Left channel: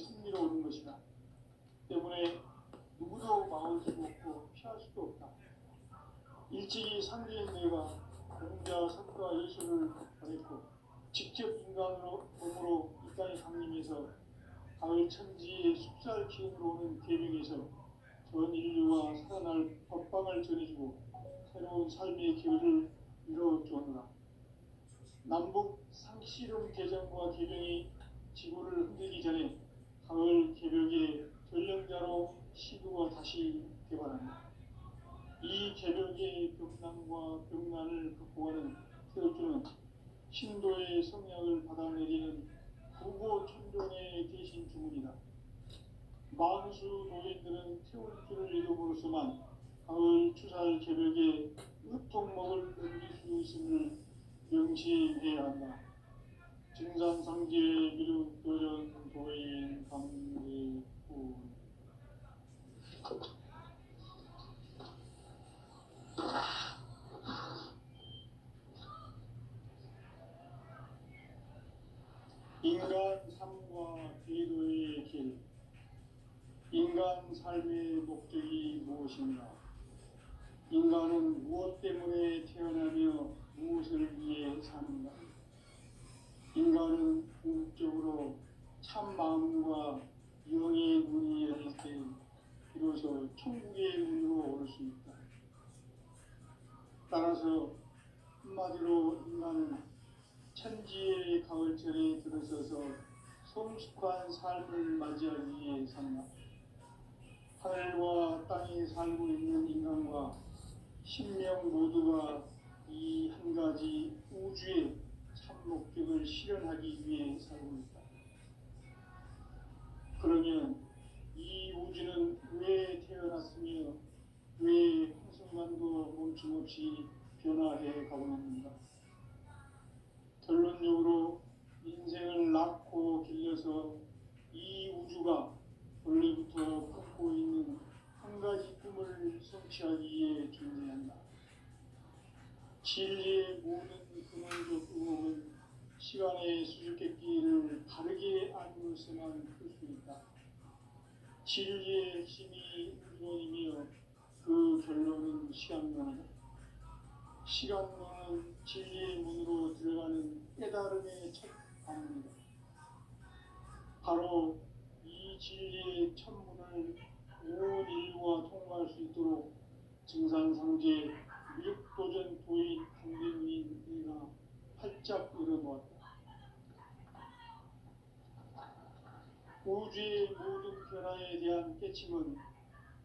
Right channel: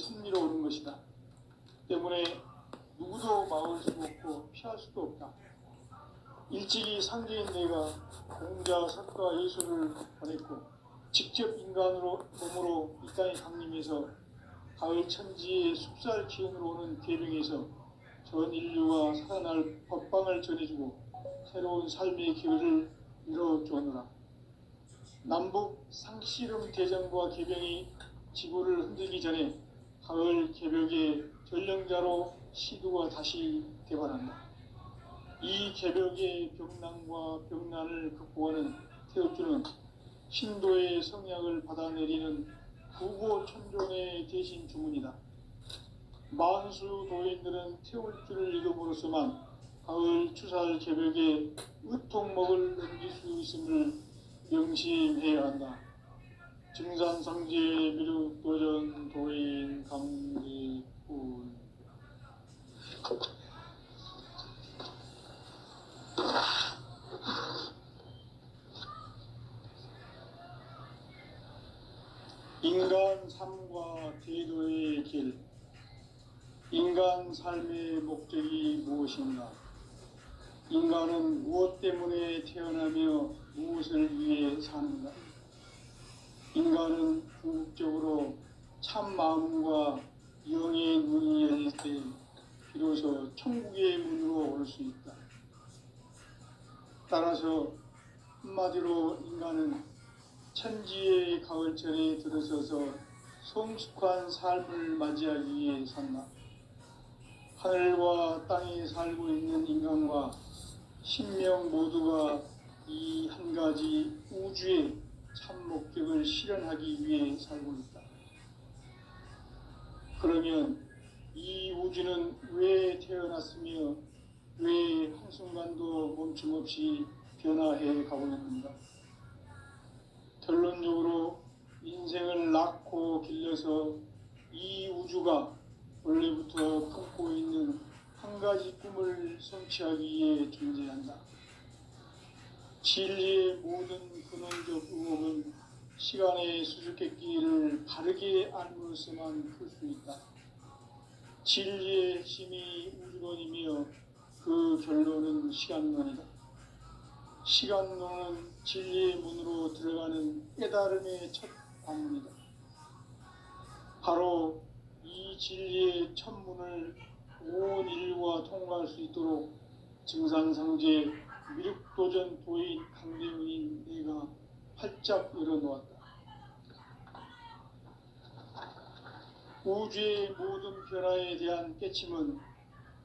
섭리로 오는 것이다. 때문에 누구도 막을 수 없고 피할 수도 없다. 일찍이 상제인내가 공자, 석가, 예수를 보냈고 직접 인간으로 몸으로 이 땅에 강림해서 가을 천지의 숲살 기운으로 오는 계명에서 전 인류가 살아날 법방을 전해주고 새로운 삶의 기회를 이뤄주었노라. 남북 상씨름 대전과 개병이 지구를 흔들기 전에 가을 개벽의 전령자로 시두가 다시 개발한다. 이 개벽의 병난과 병난을 극복하는 태울주는 신도의 성약을 받아내리는 부고천종의 대신 주문이다. 만수 도인들은 태울주를 이름으로서만 가을 추살 개벽에 의통목을 넘길 수 있음을 명심해야 한다. 증산상제 미륵도전 도인 강제군. 인간 삶과 대도의 길. 인간 삶의 목적이 무엇인가? 인간은 무엇 때문에 태어나며 무엇을 위해 사는가? 인간은 궁극적으로 참 마음과 영의 눈이 열릴 때 비로소 천국의 문으로 올 수 있다. 따라서 한마디로 인간은 천지의 가을철에 들어서서 성숙한 삶을 맞이하기 위해 산다. 하늘과 땅에 살고 있는 인간과 신명 모두가 이 한 가지 우주의 참 목적을 실현하기 위해 살고 있다. 그러면 이 우주는 왜 태어났으며 왜 한순간도 멈춤없이 변화해 가고 있는가? 결론적으로 인생을 낳고 길러서 이 우주가 원래부터 품고 있는 한 가지 꿈을 성취하기 위해 존재한다. 진리의 모든 근원적 의혹은 시간의 수수께끼를 바르게 알므로서만 풀 수 있다. 진리의 핵심이 우주론이며 그 결론은 시간론이다. 시간론은 진리의 문으로 들어가는 깨달음의 첫 관문이다. 바로 이 진리의 첫 문을 온 인류가 통과할 수 있도록 증산상제 미륵도전 도인 강대훈인 내가 활짝 열어놓았다. 우주의 모든 변화에 대한 깨침은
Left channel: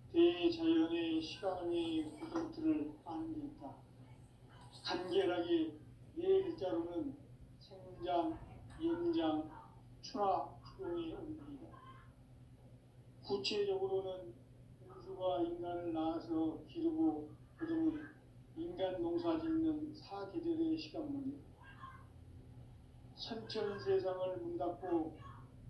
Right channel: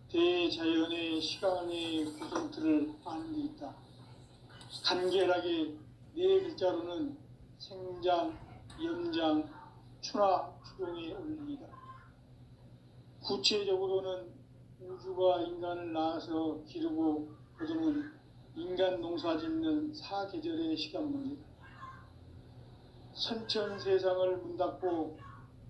대자연의 시간의 구성틀을 아는 데 있다. 간결하게 네 글자로는 생장, 염장, 추나 추동의 원리이다. 구체적으로는 우주가 인간을 낳아서 기르고 거두는 인간 농사 짓는 사계절의 시간 문제다. 선천 세상을 문닫고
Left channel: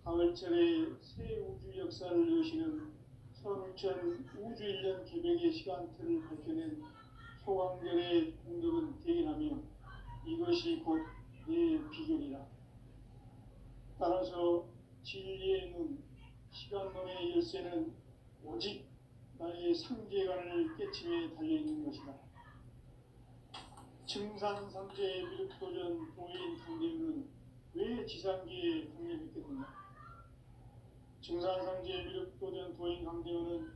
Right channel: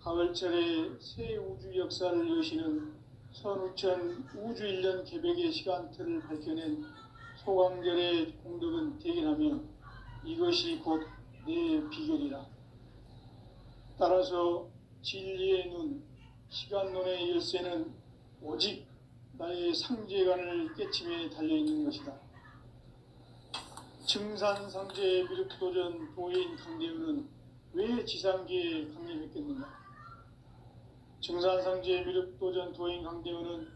가을철에 새 우주 역사를 여시는 선우천 우주일년 개벽의 시간틀을 밝혀낸 소강절의 공덕은 대견하며 이것이 곧 내 비결이라. 따라서 진리의 눈, 시간론의 열쇠는 오직 나의 상제관을 깨침에 달려있는 것이다. 증산상제 미륵도전 도인 강대훈은 왜 지상계에 강림했겠는가? 증산상제 미륵도전 도인 강대훈은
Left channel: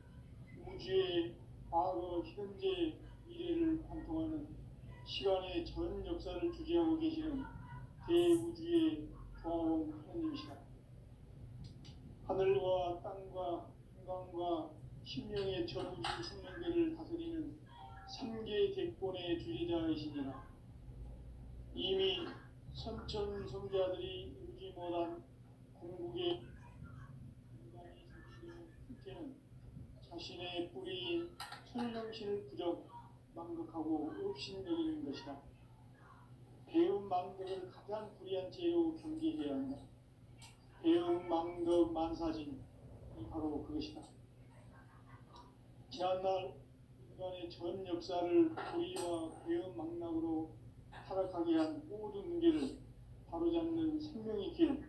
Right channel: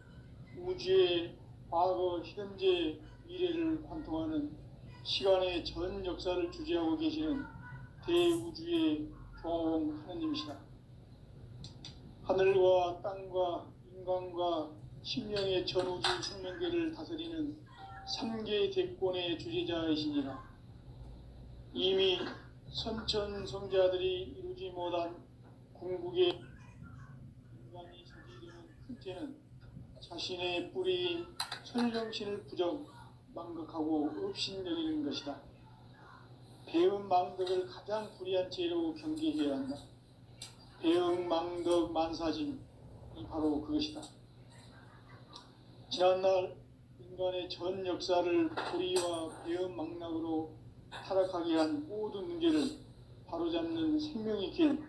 우주의 과거, 현재, 미래를 관통하는 시간의 전 역사를 주재하고 계시는 대우주의 교황 하느님이시다. 하늘과 땅과 인간과 신명의 전우주 생명계를 다스리는 3계 대권의 주재자이시니라. 이미 선천성자들이 이루지 못한 궁극의 인간이 저지르는 큰 죄는 자신의 뿌리인 설령신을 부정, 망극하고 업신여기는 것이다. 배음 망덕을 가장 불의한 죄로 경계해야 한다. 배음 망덕 만사진이 바로 그것이다. 지난날 인간의 전 역사를 불의와 배음 망락으로 타락하게 한 모든 문제를 바로잡는 생명의 길,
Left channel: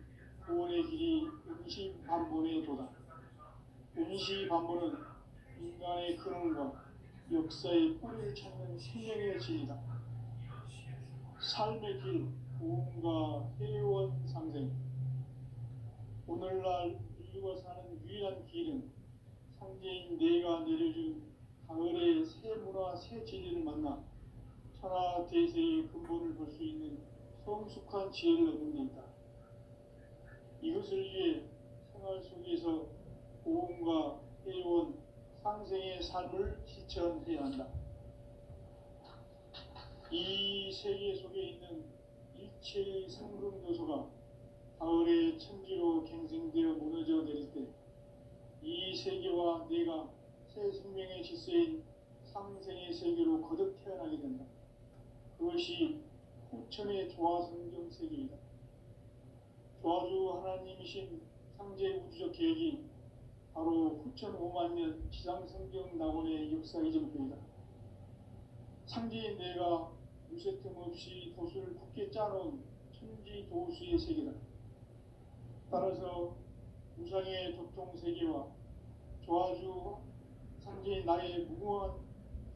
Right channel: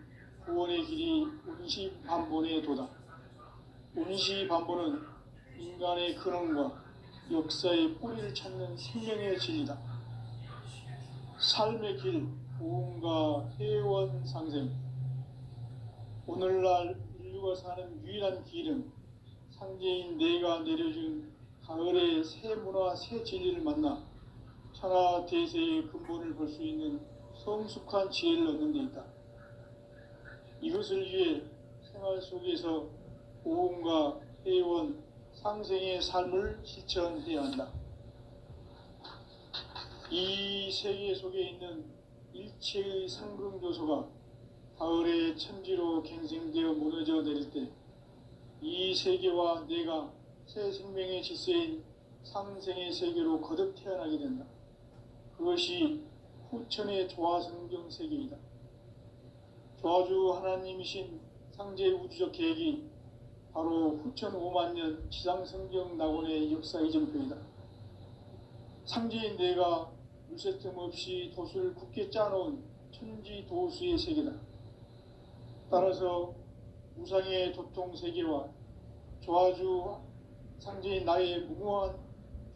구원의 길이 운시반본에 생명의 도다. 운시반보는 인간의 근원과 역사의 뿌리를 찾는 생명의 진리다. 삶의 길, 부흥과 회원 상생. 오늘날 인류가 사는 유일한 길은 상제인 내가 내려준 가을의 새 문화, 새 진리를 만나 천하 대세의 근본을 볼 수 있는 성숙한 지혜를 얻는 데 있다. 이것을 위해 생활 속에서 보험과 회원, 상생의 삶을 실천해야 한다. 이 세계 속에 있는 일체의 상승교소가 가을의 천지로 갱생되어 무너져 내릴 때 이 세계와 내가 새 생명의 질서인 상생의 세계로 거듭 태어나게 된다. 그것이 후천의 조화성경 세계이다. 조화주 하나님이신 상제 우주적 계획이 바로 후천 5만 년 지상성경 낙원의 역사 이전표이다. 상제인 내가 물새틈 없이 돛을 굳게 짜놓은 천지 도수의 세계다. 따라서 우상의 도통 세계와 조화주 상제인 나의 무궁한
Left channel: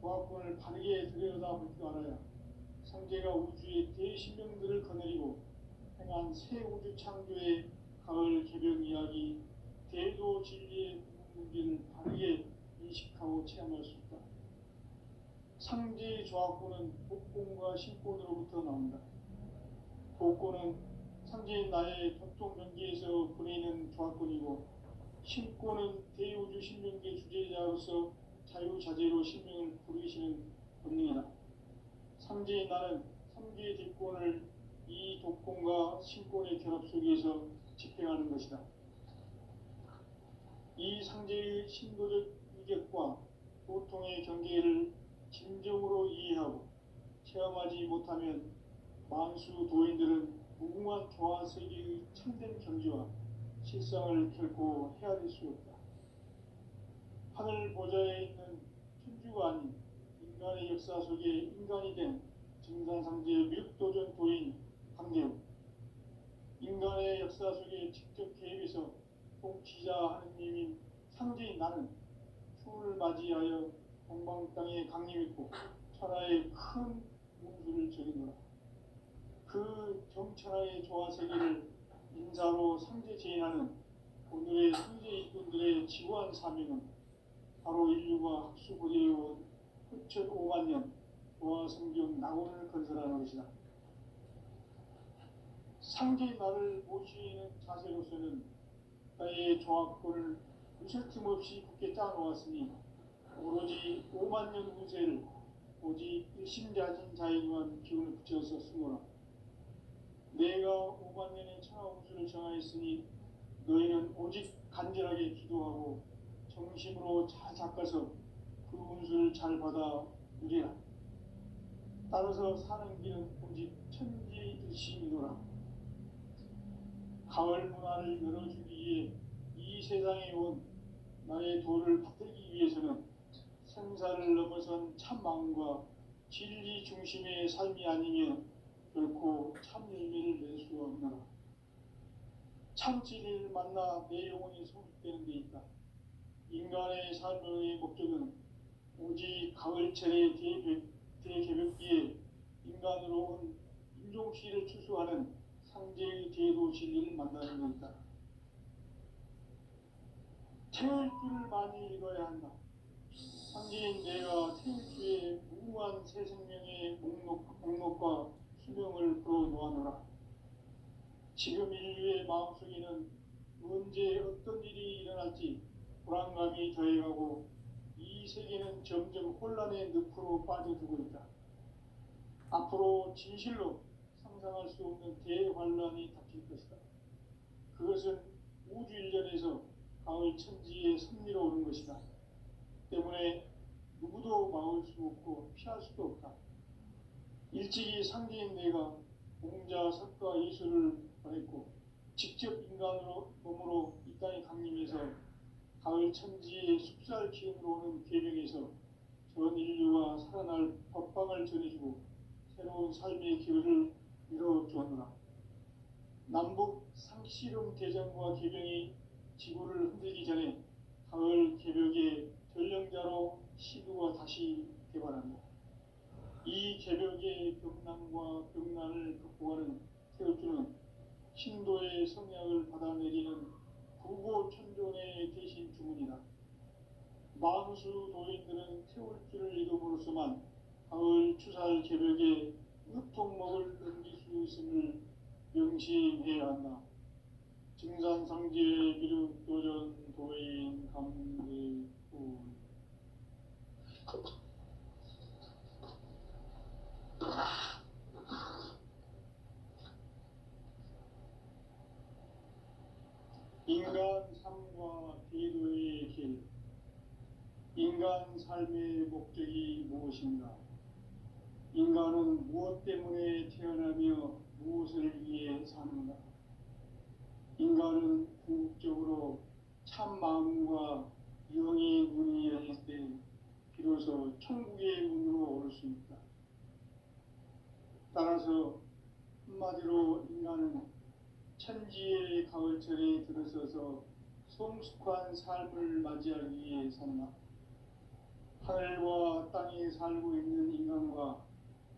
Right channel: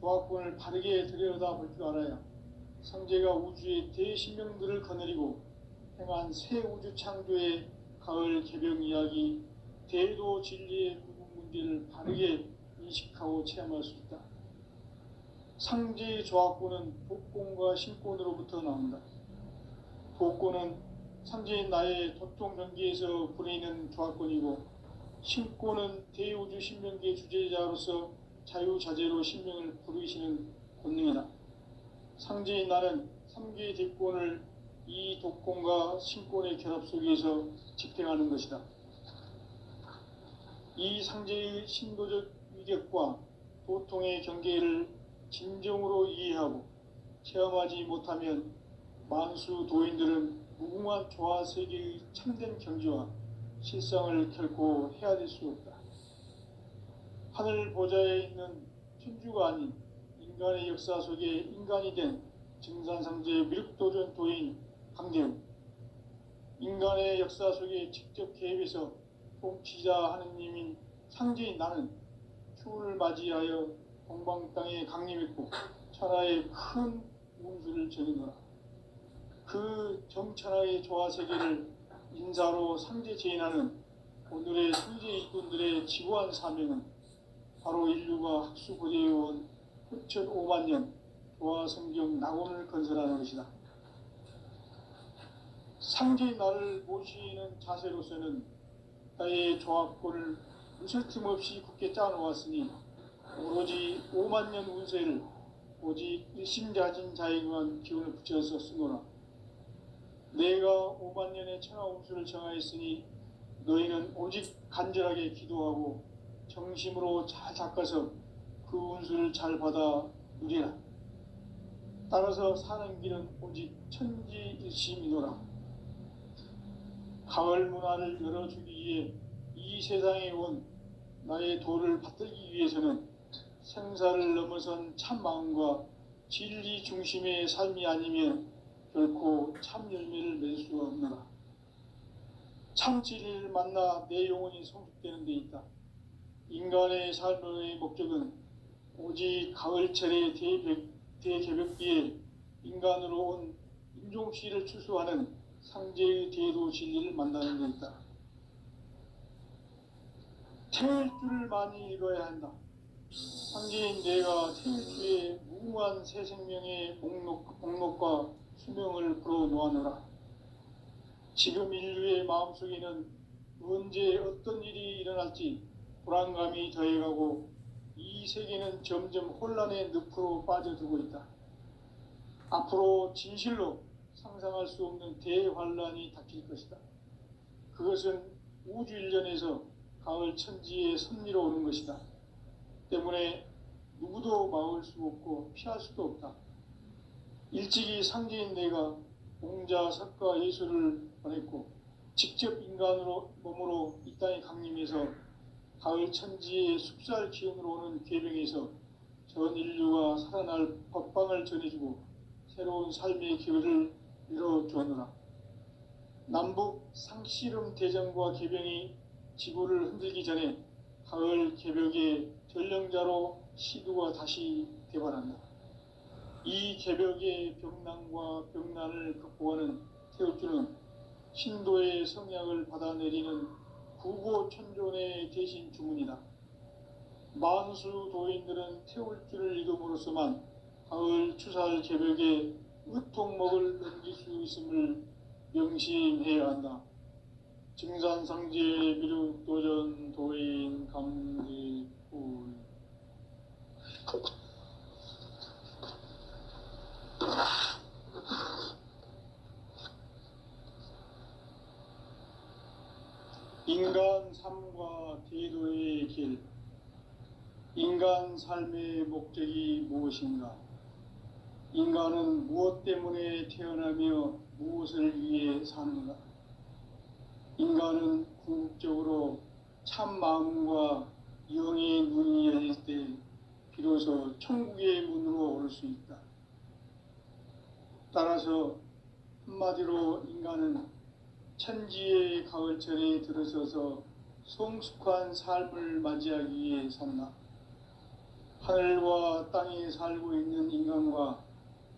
조화권을 바르게 들여다볼 줄 알아야 상제가 우주의 대신명들을 거느리고 행한 새 우주 창조의 가을 개병 이야기, 대도 진리의 부분 문제를 바르게 인식하고 체험할 수 있다. 상제의 조화권은 복권과 신권으로부터 나온다. 복권은 상제인 나의 도통 경계에서 부리는 조화권이고, 신권은 대우주 신명계 주제자로서 자유자재로 신명을 부르시는 권능이다. 상제인 나는 3개의 대권을 이 독권과 신권의 결합 속에서 집행하는 것이다. 이 상제의 신도적 위격과 도통의 경계를 진정으로 이해하고 체험하지 못하면 만수 도인들은 무궁한 조화세계의 참된 경지와 실상을 결코 헤아릴 수 없다. 하늘 보좌에 있는 천주가 아닌 인간의 역사 속에 인간이 된 증산상제의 미륵도전 도인 강대우, 인간의 역사 속에 직접 개입해서 통치자 하느님인 상제인 나는 추운을 맞이하여 동방 땅에 강림했고 천하의 큰 운수를 전이노라. 그 정천하의 조화세계를 인사로 상제 제인하는 오늘의 상제 일꾼들의 지고한 사명은 바로 인류가 학수고대해온 후천 5만 년 조화성경 낙원을 건설하는 것이다. 상제인 나를 모시는 자세로서는 나의 조화권을 무설틈 없이 굳게 짜놓았으니 오로지 5만 년 운세를 오직 일심자진 자에게만 기운을 붙여서 쓰노라. 내가 5만 년의 천하 운수를 정하였으니 너희는 오직 간절하게 기도하고 정심으로 잘 닦아서 그 운수를 잘 받아 누리라. 따라서 사는 길은 오직 천지일심이노라. 가을 문화를 열어주기 위해 이 세상에 온 나의 도를 받들기 위해서는 생사를 넘어선 참 마음과 진리 중심의 삶이 아니면 결코 참 열매를 맺을 수가 없노라. 참 진리를 만나 내 영혼이 성숙되는 데 있다. 인간의 삶의 목적은 오직 가을철의 대개벽기에 인간으로 온 인종씨를 추수하는 상제의 대도 진리를 만나는 데 있다. 태일주를 많이 읽어야 한다. 상제인 내가 태일주의 무궁한 새 생명의 목록과 수명을 불어놓아노라. 지금 인류의 마음속에는 언제 어떤 일이 일어날지 불안감이 더해가고 이 세계는 점점 혼란의 늪으로 빠져들고 있다. 앞으로 진실로 상상할 수 없는 대환란이 닥칠 것이다. 그것은 우주 일련에서 가을 천지의 섭리로 오는 것이다. 때문에 누구도 막을 수 없고 피할 수도 없다. 일찍이 상제인 내가 공자, 석가, 예수를 보냈고 직접 인간으로 몸으로 이 땅에 강림해서 가을 천지의 숲살 기운으로 오는 계명에서 전 인류가 살아날 법방을 전해주고 새로운 삶의 기회를 이뤄주었노라. 남북 상씨름 대전과 계병이 지구를 흔들기 전에 가을 개벽의 전령자로 시드가 다시 개발한다. 이 개벽의 벽난과 벽난을 극복하는 태울주는 신도의 성약을 받아내리는 구고천존의 대신 주문이다. 만수 도인들은 태울주를 이름으로서만 가을 추살 개벽에 의통목을 넘길 수 있음을 명심해야 한다. 증산상제 미륵도전 도인 감리군. 인간 삶과 대도의 길. 인간 삶의 목적이 무엇인가? 인간은 무엇 때문에 태어나며 무엇을 위해 사는가? 인간은 궁극적으로 참 마음과 영의 눈이 열릴 때 비로소 천국의 문으로 오를 수 있다. 따라서 한마디로 인간은 천지의 가을철에 들어서서 성숙한 삶을 맞이하기 위해 산다. 하늘과 땅에 살고 있는 인간과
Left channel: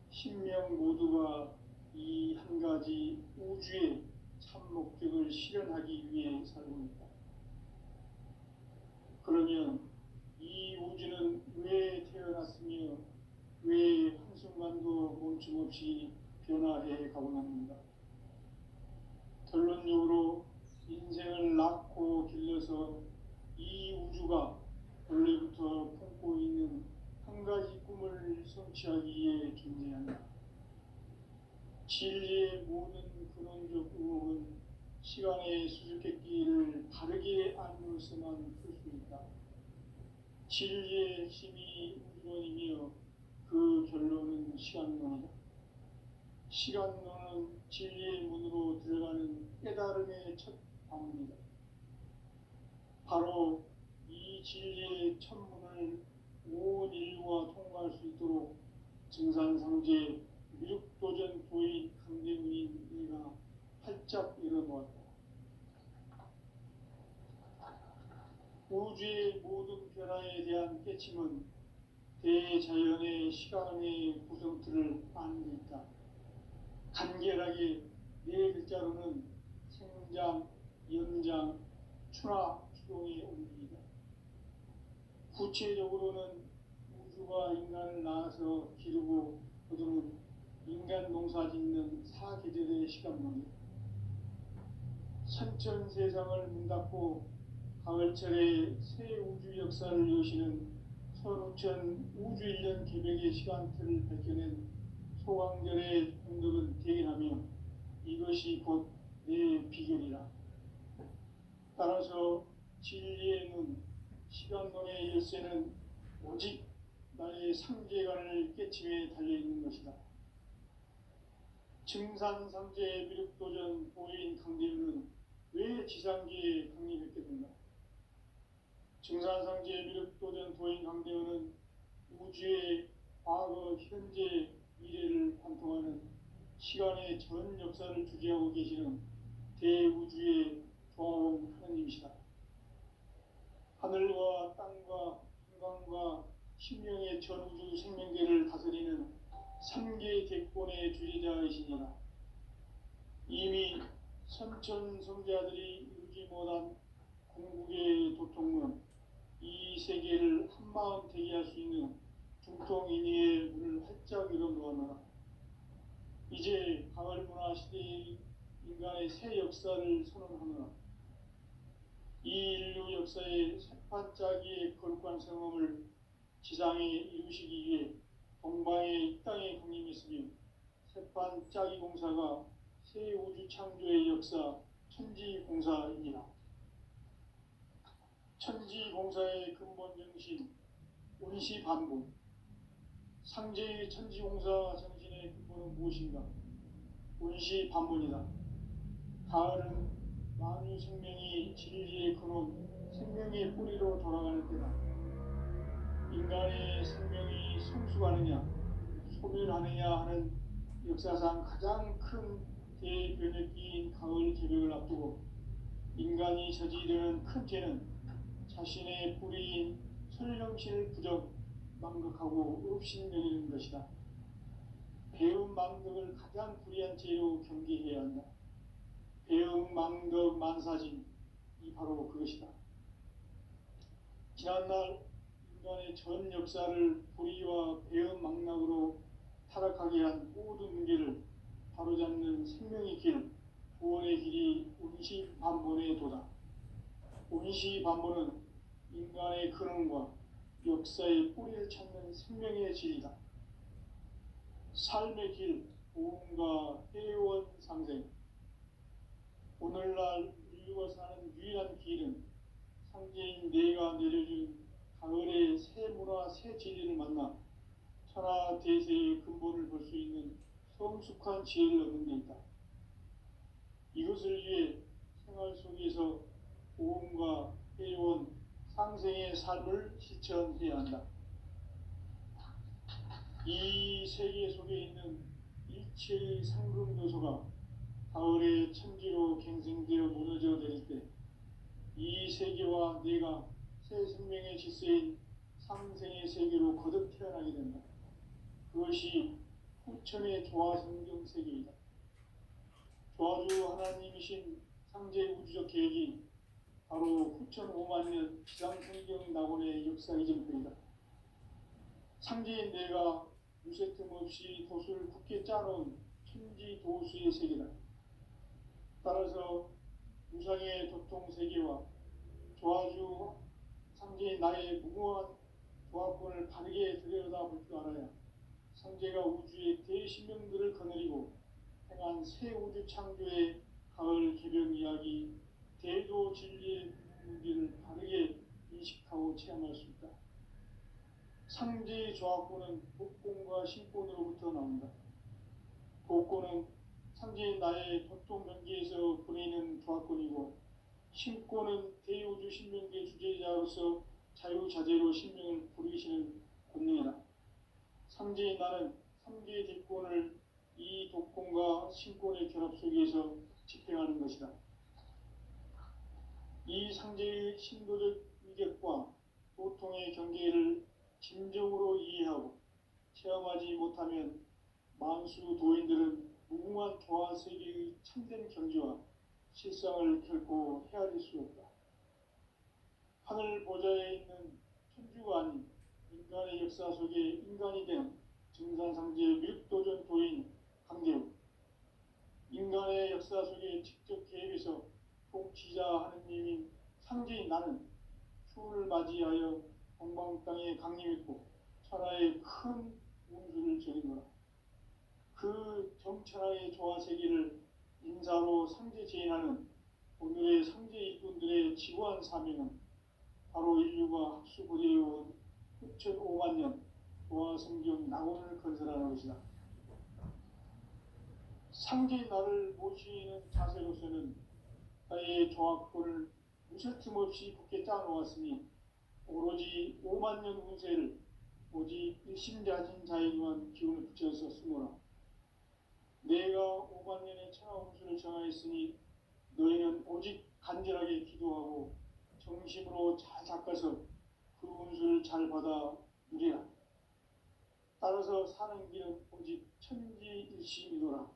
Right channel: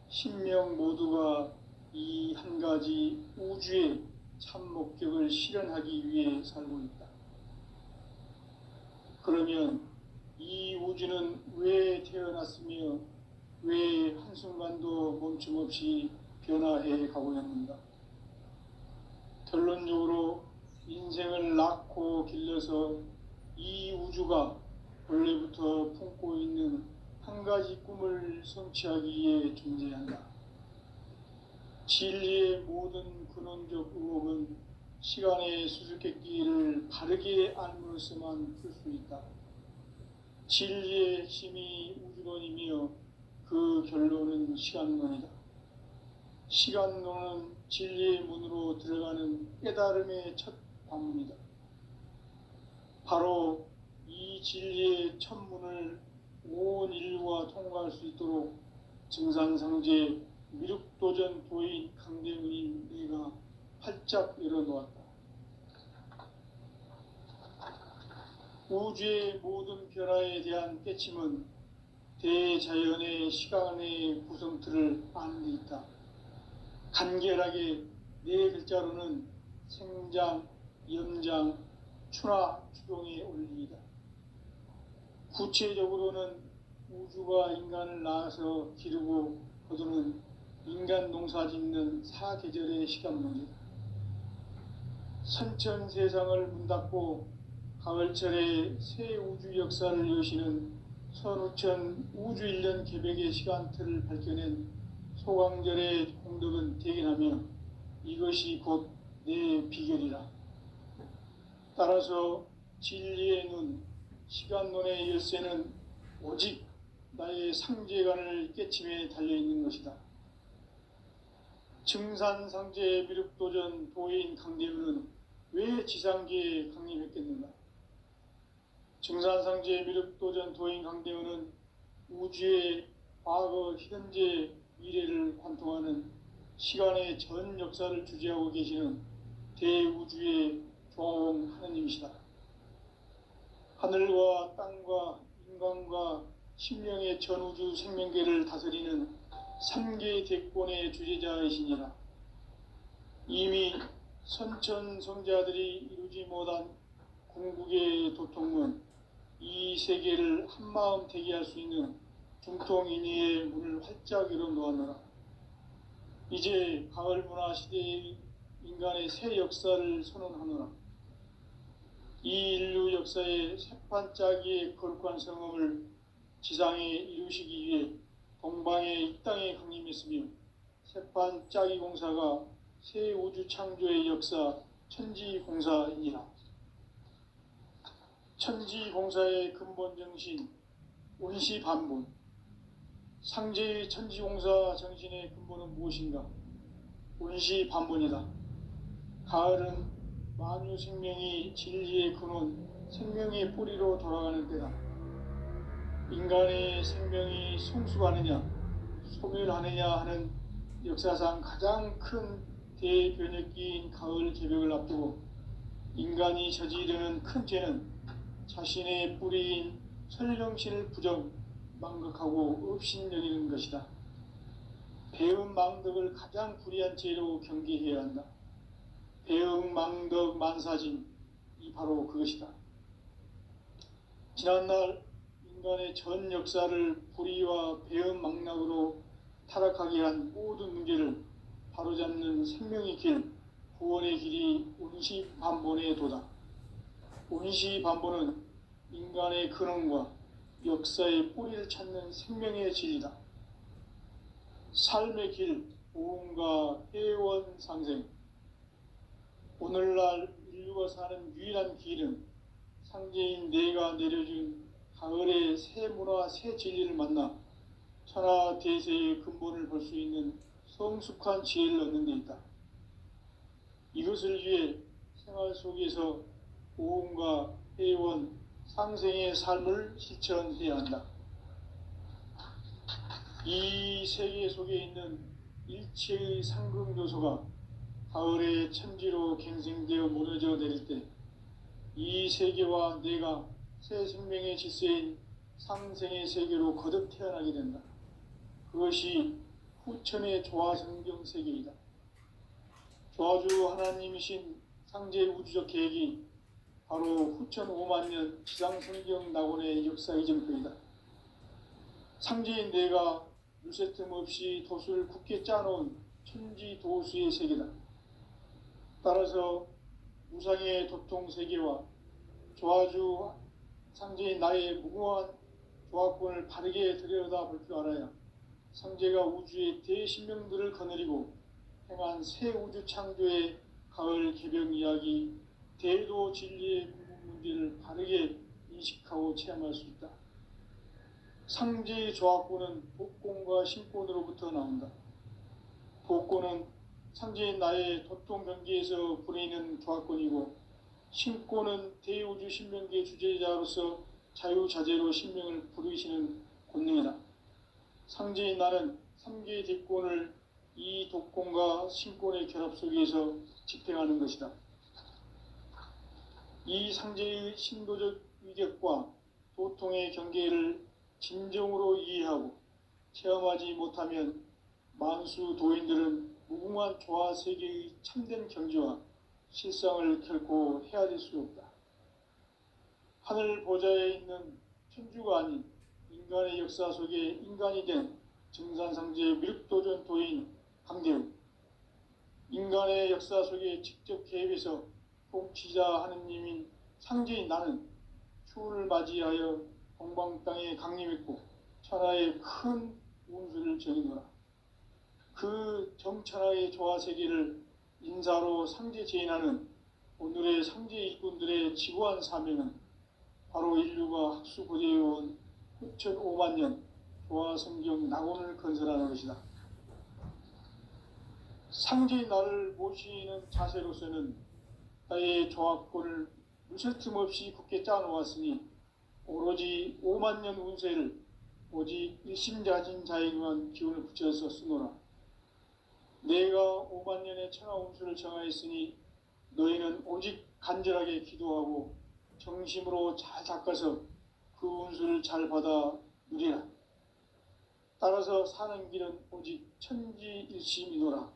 신명 모두가 이 한 가지 우주의 참 목적을 실현하기 위해 살고 있다. 그러면 이 우주는 왜 태어났으며 왜 한순간도 멈춤없이 변화해 가고 있는가? 결론적으로 인생을 낳고 길러서 이 우주가 원래부터 품고 있는 한 가지 꿈을 성취하기 위해 존재한다. 진리의 모든 근원적 의혹은 시간의 수수께끼를 바르게 알므로서만 풀 수 있다. 진리의 핵심이 우주론이며 그 결론은 시간론이다. 시간론은 진리의 문으로 들어가는 깨달음의 첫 방문이다. 바로 이 진리의 첫 문을 온 인류가 통과할 수 있도록 증산상제 미륵도전 도인 강대우인 내가 활짝 열어놓았다. 우주의 모든 변화에 대한 깨침은 대자연의 시간의 구성틀을 아는 데 있다. 간결하게 네 글자로는 생장, 염장, 추나, 추동의 원리이다. 구체적으로는 우주가 인간을 낳아서 기르고 거두는 인간 농사 짓는 사계절의 시간론이다. 선천 세상을 문닫고 가을철에 새 우주 역사를 여시는 선우천 우주 1년 개벽의 시간틀을 밝혀낸 소강절의 공덕은 대견하며 이것이 곧 내 비결이라. 따라서 진리의 눈, 시간론의 열쇠는 오직 나의 상제관을 깨침에 달려있는 것이다. 증산상제 미륵도전 도인 강대우는 왜 지상계에 강림했겠는가? 증산상제 미륵도전 도인 강대우는 우주의 과거, 현재, 미래를 관통하는 시간의 전 역사를 주재하고 계시는 대우주의 조화원 하느님이시다. 하늘과 땅과 인간과 심령의 전우주 생명계를 다스리는 3개 대권의 주제자이시니라. 이미 선천성자들이 이루지 못한 궁극의 도통문, 이 세계를 한마음 대기할 수 있는 중통인의의 문을 활짝 열어놓았노라. 이제 가을 문화 시대의 인간의 새 역사를 선언하노라. 이 인류 역사의 새판짜기의 거룩한 성험을 지상에 이루시기 위해 동방의 이 땅에 강림했으며 새판짜기 공사가 새 우주 창조의 역사 천지공사이니라. 천지공사의 근본 정신 운시반분. 상제의 천지공사 정신의 근본은 무엇인가? 운시반분이다. 가을은 만유 생명이 진리의 근원, 생명의 뿌리로 돌아가는 때다. 인간의 생명이 성숙하느냐, 소멸하느냐 하는 역사상 가장 큰 대변혁기인 가을 개벽을 앞두고 인간이 저지르는 큰 죄는 자신의 뿌리인 설령신을 망각하고 업신여기는 것이다. 배은망덕을 가장 불의한 죄로 경계해야 한다. 배은망덕 만사진이 바로 그것이다. 지난날 인간의 전 역사를 불의와 배은망락으로 타락하게 한 모든 문제를 바로잡는 생명의 길, 구원의 길이 운시반본의 도다. 운시반본은 인간의 근원과 역사의 뿌리를 찾는 생명의 진리다. 삶의 길, 보험과 회원 상생. 오늘날 인류가 사는 유일한 길은 상제인 내가 내려준 가을의 새 문화, 새 진리를 만나 천하 대세의 근본을 볼 수 있는 성숙한 지혜를 얻는 데 있다. 이것을 위해 생활 속에서 보험과 회원, 상생의 삶을 실천해야 한다. 이 세계 속에 있는 일체의 상급 요소가 가을의 천지로 갱생되어 무너져 내릴 때 이 세계와 내가 새 생명의 질서인 상생의 세계로 거듭 태어나게 된다. 그것이 후천의 조화성경 세계이다. 조화주 하나님이신 상제 우주적 계획이 바로 후천 5만 년 지상성경 낙원의 역사 이전표이다. 상제인 내가 누새 틈 없이 도수를 굳게 짜놓은 천지 도수의 세계다. 따라서 무상의 도통 세계와 조화주 상제인 나의 무궁한 조화권을 바르게 들여다볼 줄 알아야 상제가 우주의 대신명들을 거느리고 행한 새 우주 창조의 가을 개벽 이야기, 대도 진리의 문제를 바르게 인식하고 체험할 수 있다. 상제의 조화권은 복권과 신권으로부터 나온다. 복권은 상제인 나의 도통 경계에서 부리는 조화권이고, 신권은 대우주 신명계 주제자로서 자유자재로 신명을 부르시는 권능이다. 상제인 나는 3개의 대권을 이 독권과 신권의 결합 속에서 집행하는 것이다. 이 상제의 신도적 위격과 도통의 경계를 진정으로 이해하고 체험하지 못하면 만수 도인들은 무궁한 조화 세계의 참된 경지와 실상을 결코 헤아릴 수 없다. 하늘 보좌에 있는 천주가 아닌 인간의 역사 속에 인간이 된 증산상제 미륵도전 도인 강대우, 인간의 역사 속에 직접 개입해서 통치자 하느님인 상제인 나는 추운을 맞이하여 동방 땅에 강림했고 천하의 큰 운수를 적이노라. 그 정천하의 조화세계를 인사로 상제 제인하는 오늘의 상제 일꾼들의 지고한 사명은 바로 인류가 학수고대해온 후천 5만 년 조화성경 낙원을 건설하는 것이다. 상제인 나를 모시는 자세로서는 나의 조화권을 무슨 틈 없이 굳게 짜놓았으니 오로지 5만 년 운세를 오직 일심자진 자에게만 기운을 붙여서 쓰노라. 내가 5만 년의 천하 운수를 정하였으니 너희는 오직 간절하게 기도하고 정심으로 잘 닦아서 그 운수를 잘 받아 누리라. 따라서 사는 길은 오직 천지일심이노라.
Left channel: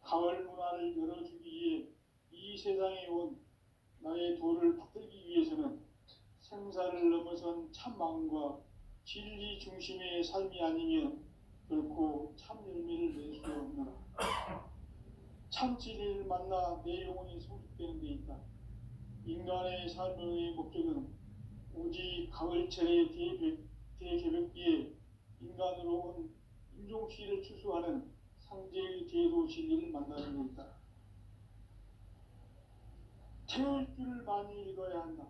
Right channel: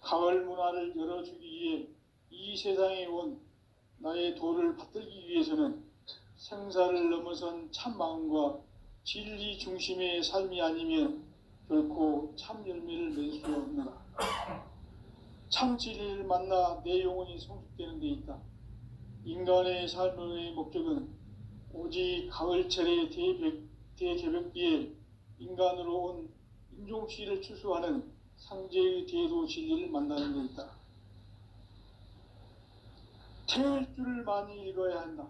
가을 문화를 열어주기 위해 이 세상에 온 나의 도를 받들기 위해서는 생사를 넘어선 참 마음과 진리 중심의 삶이 아니면 결코 참 열매를 낼 수 없노라. 참 진리를 만나 내 영혼이 성숙되는 데 있다. 인간의 삶의 목적은 오직 가을철의 대개벽기에 인간으로 온 인종시를 추수하는 상제의 대도 진리를 만나는 데 있다. 태일주를 많이 읽어야 한다.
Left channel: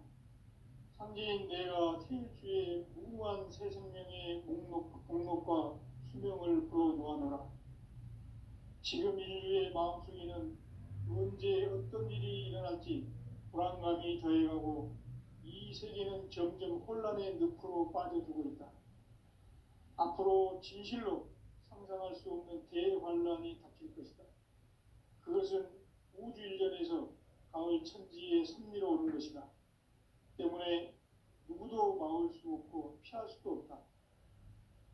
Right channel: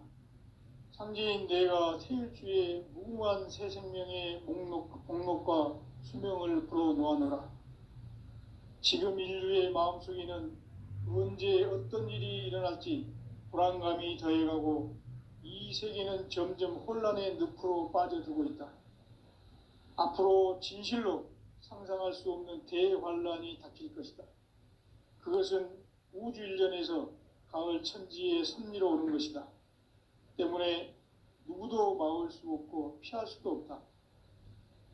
상제인 내가 태일주의 무궁한 새 생명의 목록과 수명을 불어놓아노라. 지금 인류의 마음속에는 언제 어떤 일이 일어날지 불안감이 더해가고 이 세계는 점점 혼란의 늪으로 빠져들고 있다. 앞으로 진실로 상상할 수 없는 대환란이 닥칠 것이다. 그것은 우주 일전에서 가을 천지의 섭리로 오는 것이다. 때문에 누구도 막을 수 없고 피할 수도 없다.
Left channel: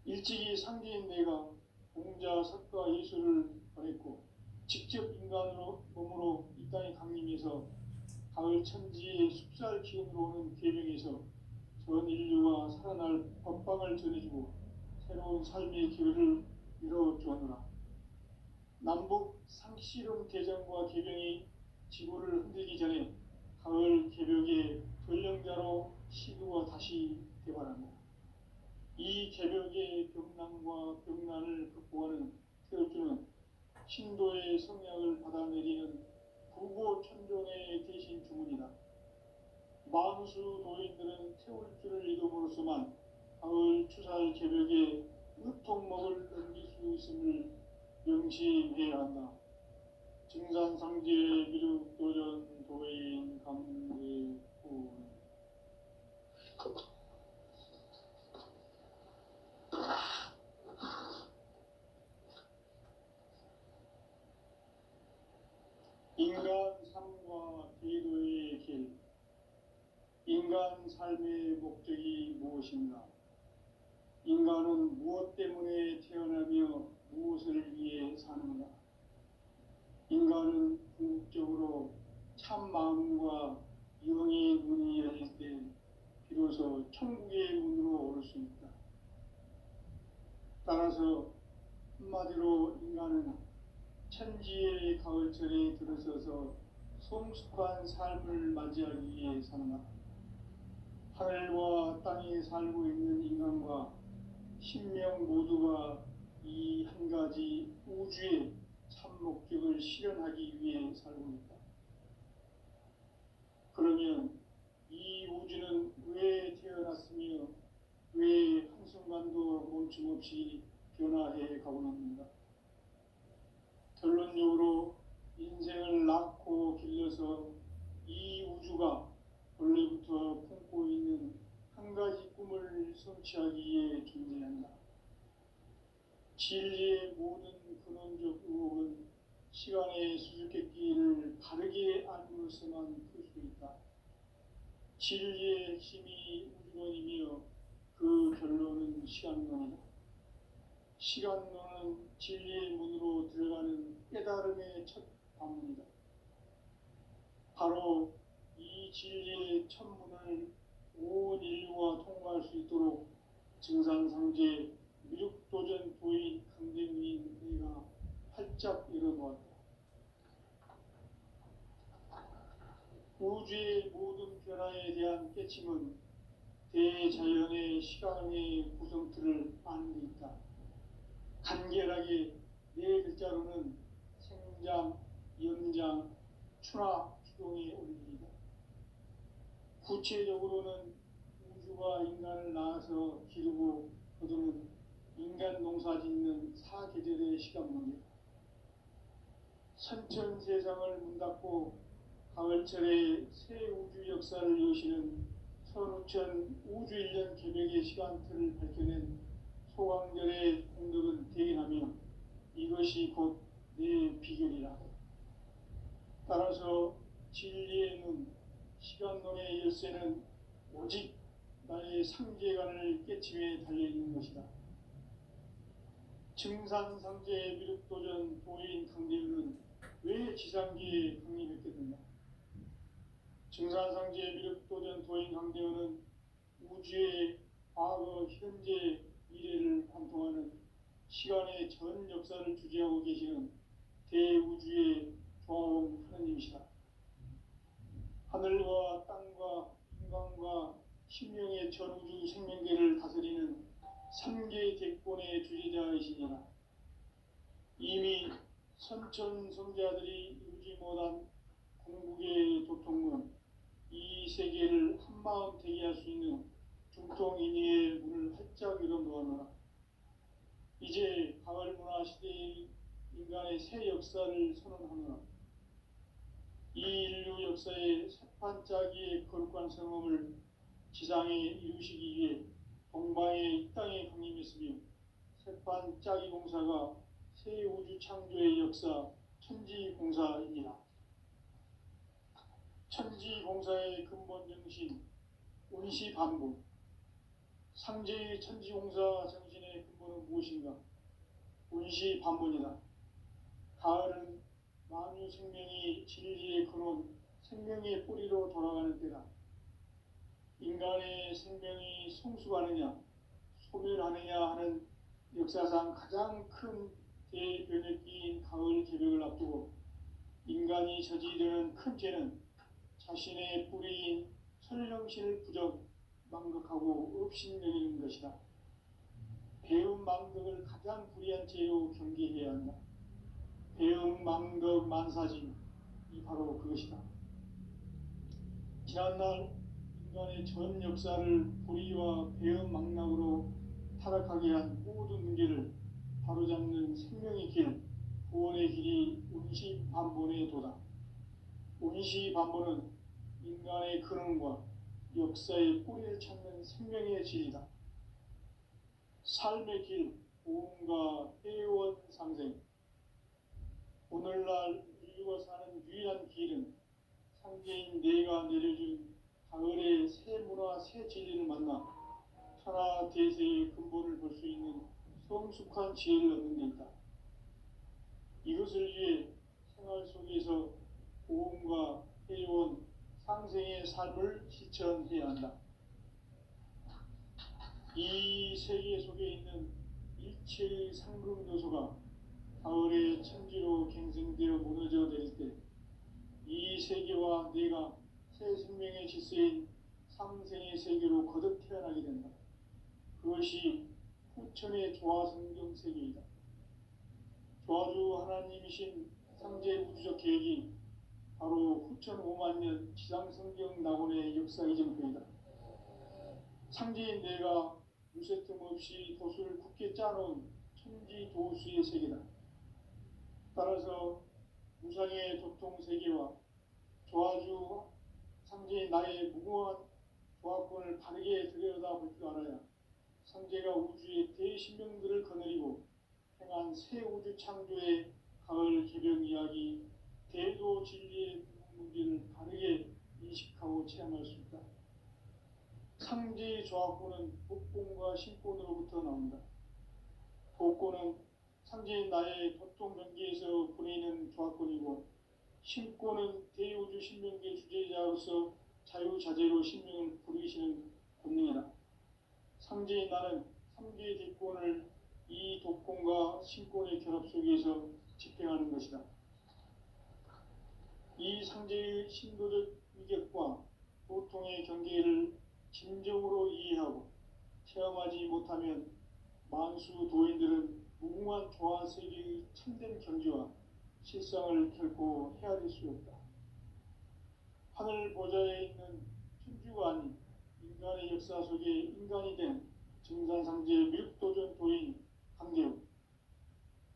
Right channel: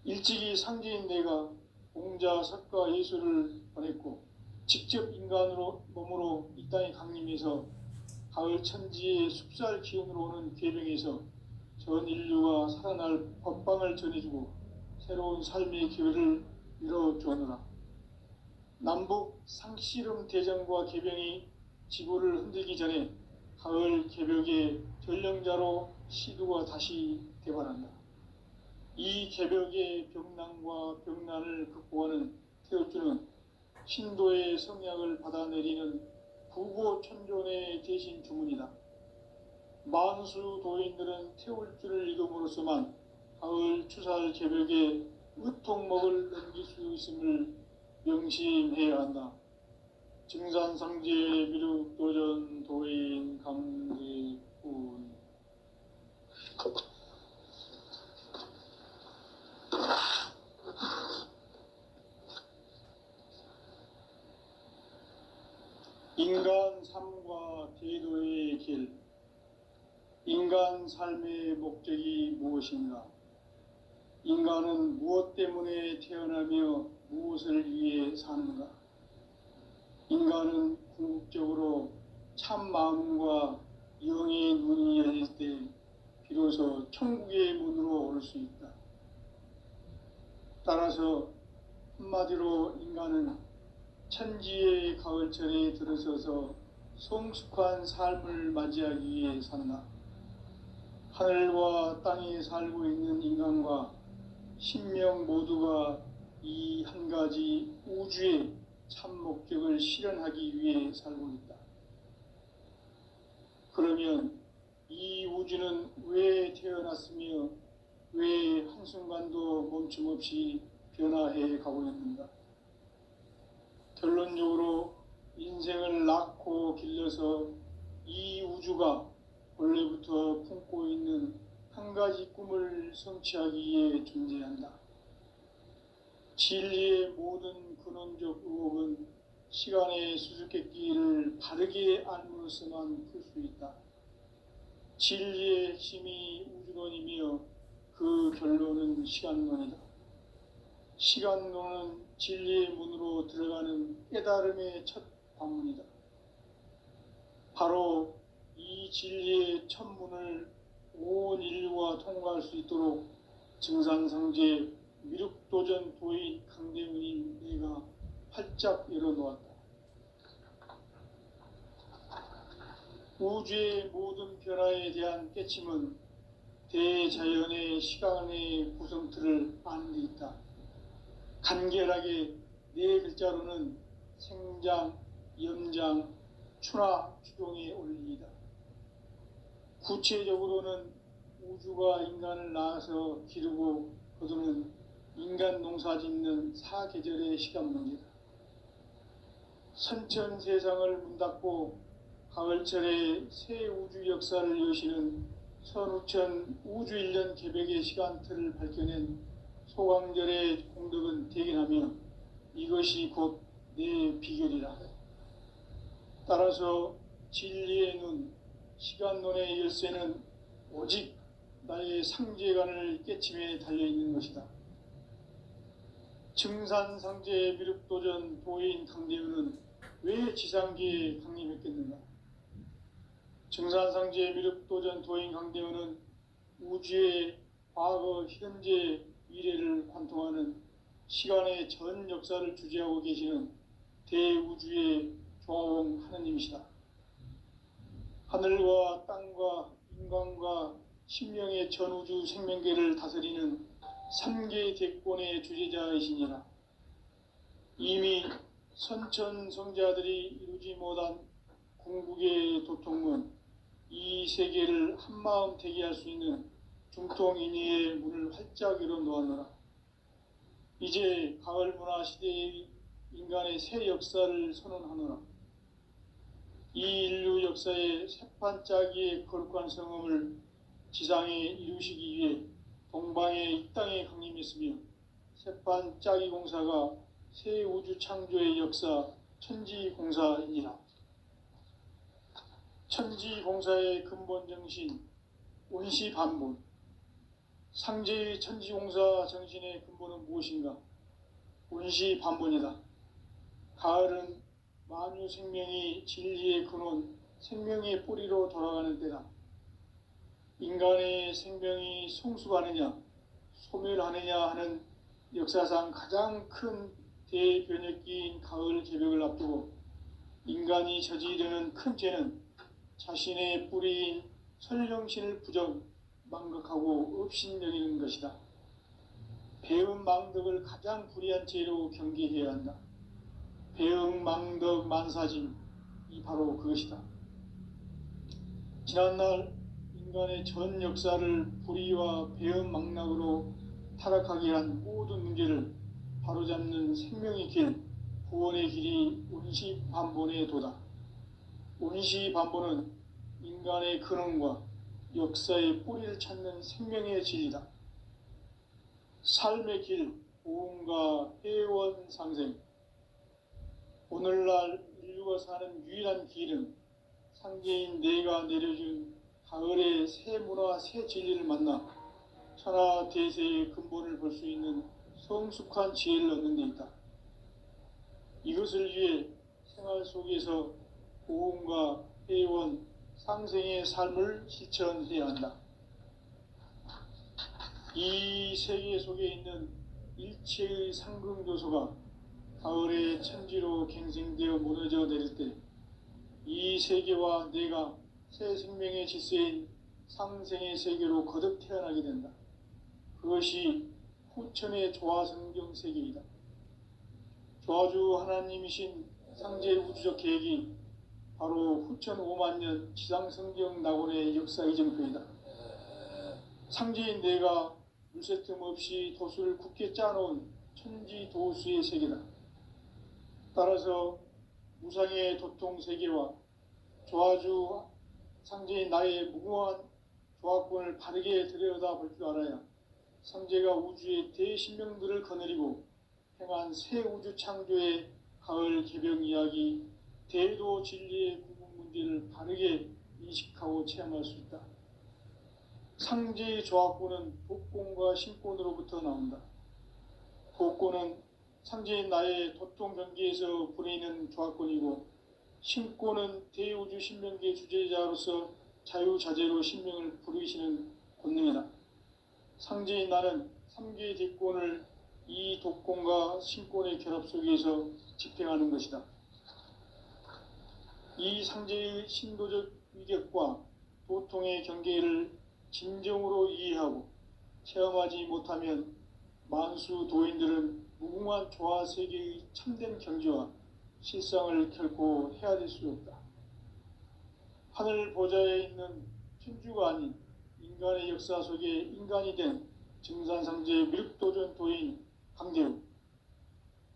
일찍이 상제인 내가 공자, 석가, 예수를 보냈고 직접 인간으로 몸으로 이 땅에 강림해서 가을 천지의 숲살 기운으로 오는 계명에서 전 인류가 살아날 법방을 전해주고 새로운 삶의 기회를 열어주었노라. 남북 상씨름 대전과 개병이 지구를 흔들기 전에 가을 개벽의 전령자로 시두가 다시 대발한다. 이 개벽의 병난과 병난을 극복하는 태울주는 신도의 성약을 받아내리는 부고천존의 대신 주문이다. 만수 도인들은 태울주를 이름으로서만 가을 추살 개벽의 의통목을 넘길 수 있음을 명심해야 한다. 증산상제 미륵도전 도인 감리군. 인간 삶과 제도의 길. 인간 삶의 목적이 무엇인가? 인간은 무엇 때문에 태어나며 무엇을 위해 사는가? 인간은 궁극적으로 참 마음과 영의 눈이 열릴 때 비로소 천국의 문으로 올 수 있다. 따라서 한마디로 인간은 천지의 가을철에 들어서서 성숙한 삶을 맞이하기 위해 산다. 하늘과 땅에 살고 있는 인간과 신명 모두가 이 한 가지 우주의 참 목적을 실현하기 위해 살고 있다. 그러면 이 우주는 왜 태어났으며 왜 한순간도 멈춤없이 변화해 가고 있는가? 결론적으로 인생을 낳고 길러서 이 우주가 원래부터 품고 있는 한 가지 꿈을 성취하기 위해 존재한다. 진리의 모든 근원적 의혹은 시간의 수수께끼를 바르게 알므로서만 풀 수 있다. 진리의 핵심이 우주론이며 그 결론은 시간론이다. 시간론은 진리의 문으로 들어가는 깨달음의 첫 관문이다. 바로 이 진리의 첫 문을 온 인류가 통과할 수 있도록 증산상제 미륵도전 도인 강대문인 내가 활짝 열어놓았다. 우주의 모든 변화에 대한 깨침은 대자연의 시간의 구성틀을 아는 데 있다. 간결하게 네 글자로는 생장, 염장, 추나 추동의 원리이다. 구체적으로는 우주가 인간을 낳아서 기르고 거두는 인간 농사 짓는 사계절의 시간 문제다. 선천 세상을 문 닫고 가을철에 새 우주 역사를 여시는 선우천 우주일년 개벽의 시간틀을 밝혀낸 소광절의 공덕은 대견하며 이것이 곧 내 비결이라. 따라서 진리의 눈, 시간론의 열쇠는 오직 나의 상제관을 깨침에 달려있는 것이다. 증산상제 미륵도전 도인 강대우는 왜 지상기에 강림했겠는가? 증산상제 미륵도전 도인 강대우는 우주의 과거, 현재, 미래를 관통하는 시간의 전 역사를 주재하고 계시는 대우주의 조화원 하느님이시다. 하늘과 땅과 인간과 심령의 전우주 생명계를 다스리는 3개 대권의 주제자이시니라. 이미 선천성자들이 이루지 못한 궁극의 도통은 이 세계를 한마음 되게 할 수 있는 중통인의의 문을 활짝 열어놓았노라. 이제 가을 문화 시대의 인간의 새 역사를 선언하노라. 이 인류 역사의 새판짜기의 거룩한 성음을 지상에 이루시기 위해 동방의 이 땅에 강림했으며 새판짜기 공사가 새 우주 창조의 역사 천지공사이니라. 천지공사의 근본 정신, 원시반본. 상제의 천지공사 정신의 근본은 무엇인가? 원시반본이다. 가을은 만유 생명이 진리의 근원, 생명의 뿌리로 돌아가는 때다. 인간의 생명이 성숙하느냐, 소멸하느냐 하는 역사상 가장 큰 대변혁기인 가을 개벽을 앞두고 인간이 저지르는 큰 죄는 자신의 뿌리인 설령신을 망각하고 업신여기는 것이다. 배음 망덕을 가장 불의한 죄로 경계해야 한다. 배음 망덕 만사짐이 바로 그것이다. 지난날 인간의 전 역사를 불의와 배음 망락으로 타락하게 한 모든 문제를 바로잡는 생명의 길, 구원의 길이 원시반본의 도다. 원시반본은 인간의 근원과 역사의 뿌리를 찾는 생명의 진리다. 삶의 길, 보험과 회원 상생. 오늘날 인류가 사는 유일한 길은 상제인 내가 내려준 가을의 새 문화, 새 진리를 만나 천하 대세의 근본을 볼 수 있는 성숙한 지혜를 얻는 데 있다. 이것을 위해 생활 속에서 보험과 회원, 상생의 삶을 실천해야 한다. 이 세계 속에 있는 일체의 상승요소가 가을의 천지로 갱생되어 무너져 내릴 때 이 세계와 내가 새 생명의 질서인 상생의 세계로 거듭 태어나게 된다. 그것이 후천의 조화성경 세계이다. 조화주 하나님이신 상제 우주적 계획이 바로 후천 5만년 지상성경 낙원의 역사 이정표이다. 상제인 내가 물새 틈 없이 도수를 굳게 짜놓은 천지도수의 세계다. 따라서 무상의 도통세계와 조화주 상제인 나의 무궁한 조화권을 바르게 들여다볼 줄 알아야 상제가 우주의 대신명들을 거느리고 행한 새 우주 창조의 가을 개벽 이야기, 대도 진리의 궁극 문제를 바르게 인식하고 체험할 수 있다. 상제의 조화권은 독권과 신권으로부터 나온다. 독권은 상제인 나의 도통 경계에서 부리는 조화권이고, 신권은 대우주 신명계 주제자로서 자유자재로 신명을 부르시는 권능이다. 상제인 나는 3개의 대권을 이 독권과 신권의 결합 속에서 집행하는 것이다. 이 상제의 신도적 위격과 도통의 경계를 진정으로 이해하고 체험하지 못하면 만수 도인들은 무궁한 조화 세계의 참된 경지와 실상을 결코 헤아릴 수 없다. 하늘 보좌에 있는 천주가 아닌 인간의 역사 속에 인간이 된 증산상제 밀도전 도인 강대우,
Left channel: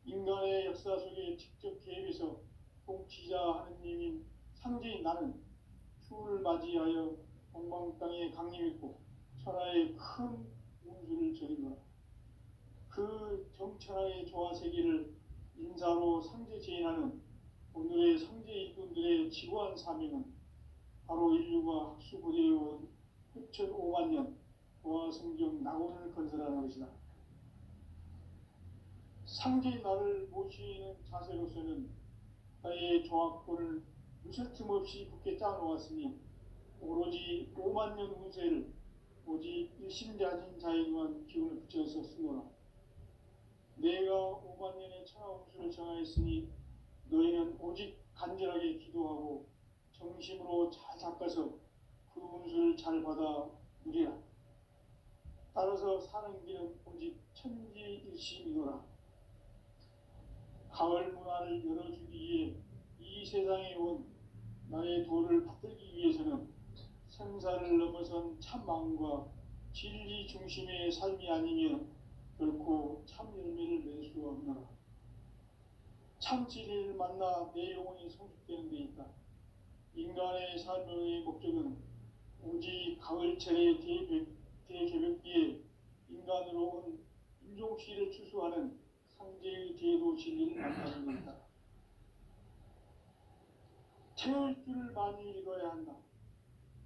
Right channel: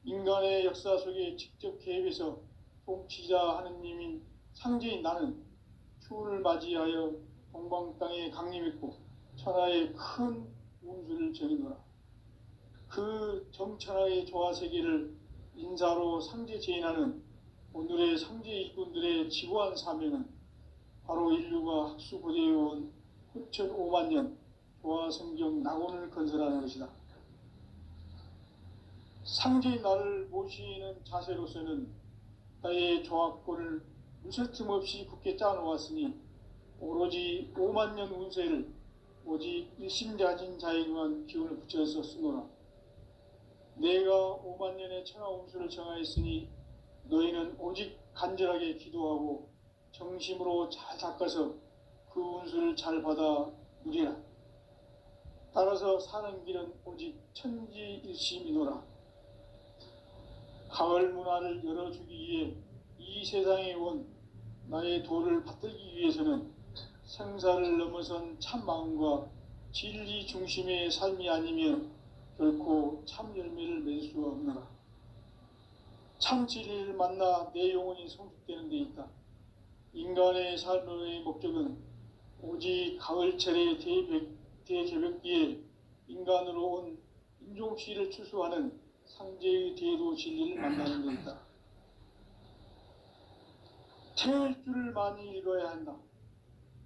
인간의 역사 속에 직접 개입해서 통치자 하느님인 상제인 나는 추운을 맞이하여 동방 땅에 강림했고 천하의 큰 운수를 정의노라. 그 정천하의 조화세계를 인사로 상제 제인하는 오늘의 상제 일꾼들의 지구한 사명은 바로 인류가 학수고대해온 후천 5만년 조화성경 낙원을 건설하는 것이다. 상제인 나를 모시는 자세로서는 나의 조화권을 무쇠 틈 없이 굳게 짜놓았으니 오로지 5만년 운세를 오직 일심자진 자에게만 기운을 붙여서 쓰노라. 내가 5만년의 천하 운수를 정하였으니 너희는 오직 간절하게 기도하고 정심으로 잘 닦아서 그 운수를 잘 받아 누리라. 따라서 사는 길은 오직 천지일심이노라. 가을 문화를 열어주기 위해 이 세상에 온 나의 도를 받들기 위해서는 생사를 넘어선 참 마음과 진리 중심의 삶이 아니면 결코 참 열매를 맺을 수가 없노라. 참 진리를 만나 내 영혼이 성숙되는 데 있다. 인간의 삶의 목적은 오직 가을철의 대개벽기에 인간으로 온 인종시를 추수하는 상제의 대도 진리를 만나는 데 있다. 태일주를 많이 읽어야 한다.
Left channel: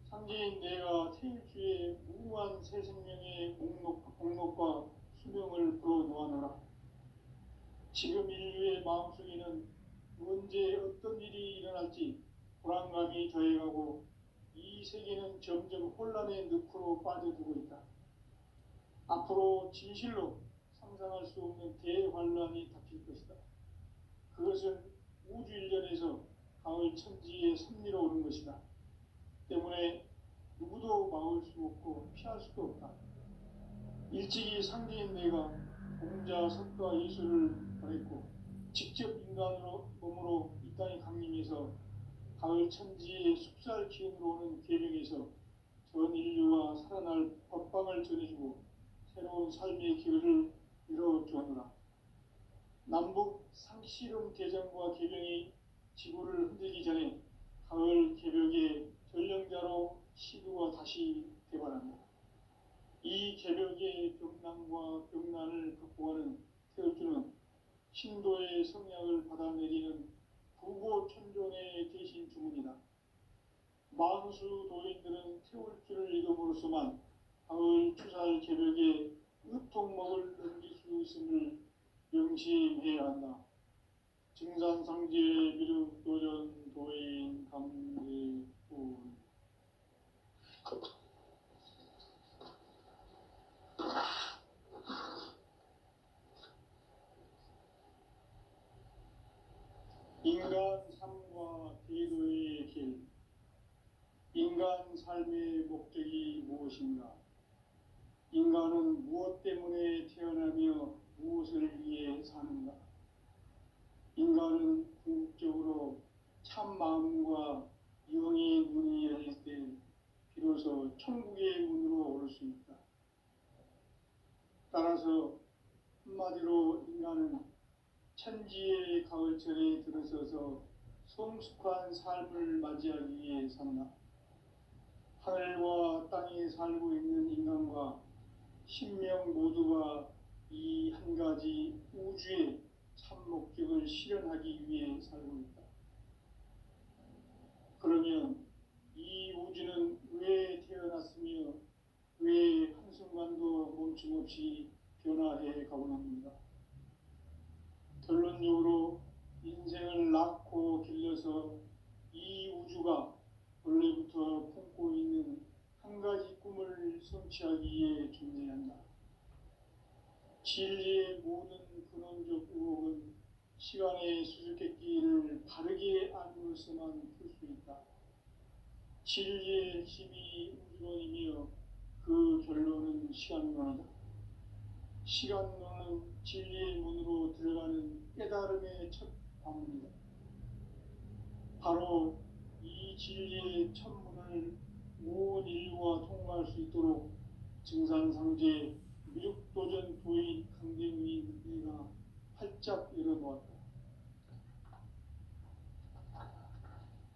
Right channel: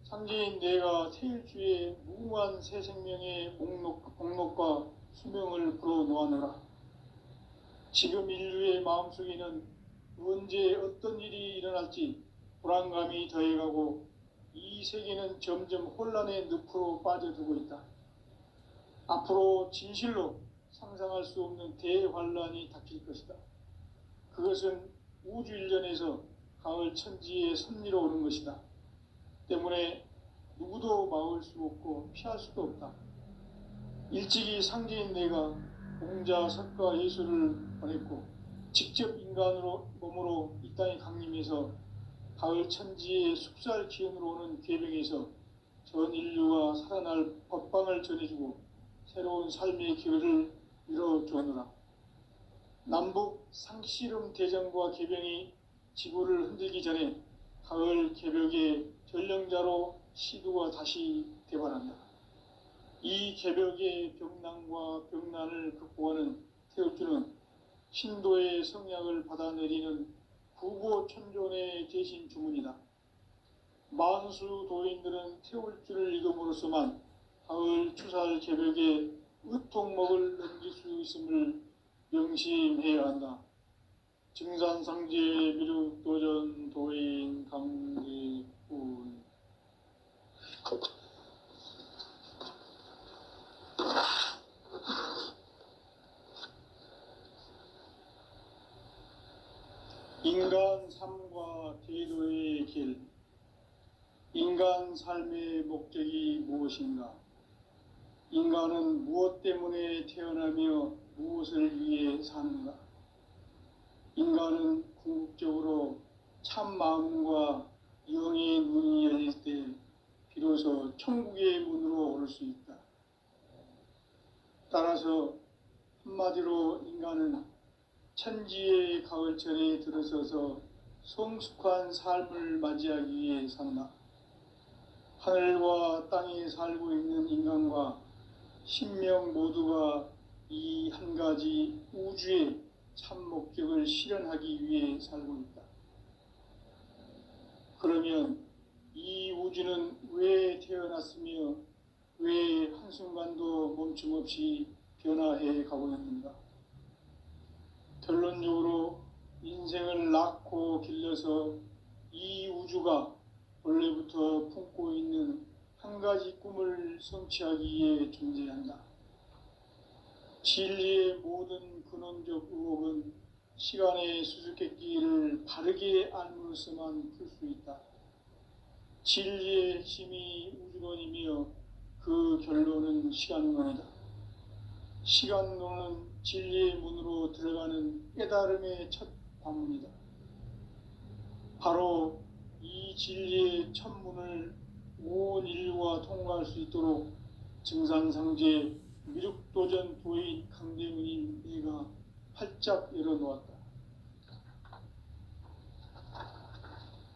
상제인 내가 태일주의 무궁한 새 생명의 목록과 수명을 불어놓아노라. 지금 인류의 마음속에는 언제 어떤 일이 일어날지 불안감이 더해가고 이 세계는 점점 혼란의 늪으로 빠져들고 있다. 앞으로 진실로 상상할 수 없는 대환란이 닥칠 것이다. 그것은 우주 일련에서 가을 천지에 선미로 오는 것이다. 때문에 누구도 막을 수 없고 피할 수도 없다. 일찍이 상제인 내가 공자, 석가, 예수를 보냈고 직접 인간으로 몸으로 이 땅에 강림해서 가을 천지의 숲살 기운으로 오는 계명에서 전 인류가 살아날 법방을 전해주고 새로운 삶의 기회를 열어주느라. 남북 상씨름 대전과 개병이 지구를 흔들기 전에 가을 개벽의 전령자로 시두가 다시 대발한다. 이 개벽의 병난과 병난을 극복하는 태울주는 신도의 성약을 받아내리는 구고천존의 대신 주문이다. 만수 도인들은 태울주를 읽음으로써만 가을 추살 개벽의 의통목을 넘길 수 있음을 명심해야 한다. 증산상제 미륵도전 도인 강대군. 인간 삶과 제도의 길. 인간 삶의 목적이 무엇인가? 인간은 무엇 때문에 태어나며 무엇을 위해 사는가? 인간은 궁극적으로 참 마음과 영의 눈이 열릴 때 비로소 천국의 문으로 오를 수 있다. 따라서 한마디로 인간은 천지의 가을철에 들어서서 성숙한 삶을 맞이하기 위해 산다. 하늘과 땅에 살고 있는 인간과 신명 모두가 이 한 가지 우주의 참 목적을 실현하기 위해 살고 있다. 그러면 이 우주는 왜 태어났으며 왜 한순간도 멈춤없이 변화해 가고 있는가? 결론적으로 인생을 낳고 길러서 이 우주가 원래부터 품고 있는 한 가지 꿈을 성취하기 위해 존재한다. 진리의 모든 근원적 의혹은 시간의 수수께끼를 바르게 알므로서만 풀 수 있다. 진리의 핵심이 우주론이며 그 결론은 시간론이다. 시간론은 진리의 문으로 들어가는 깨달음의 첫 관문이다. 바로 이 진리의 첫 문을 온 인류가 통과할 수 있도록 증산상제 미륵도전 도인 강대문인 내가 활짝 열어놓았다.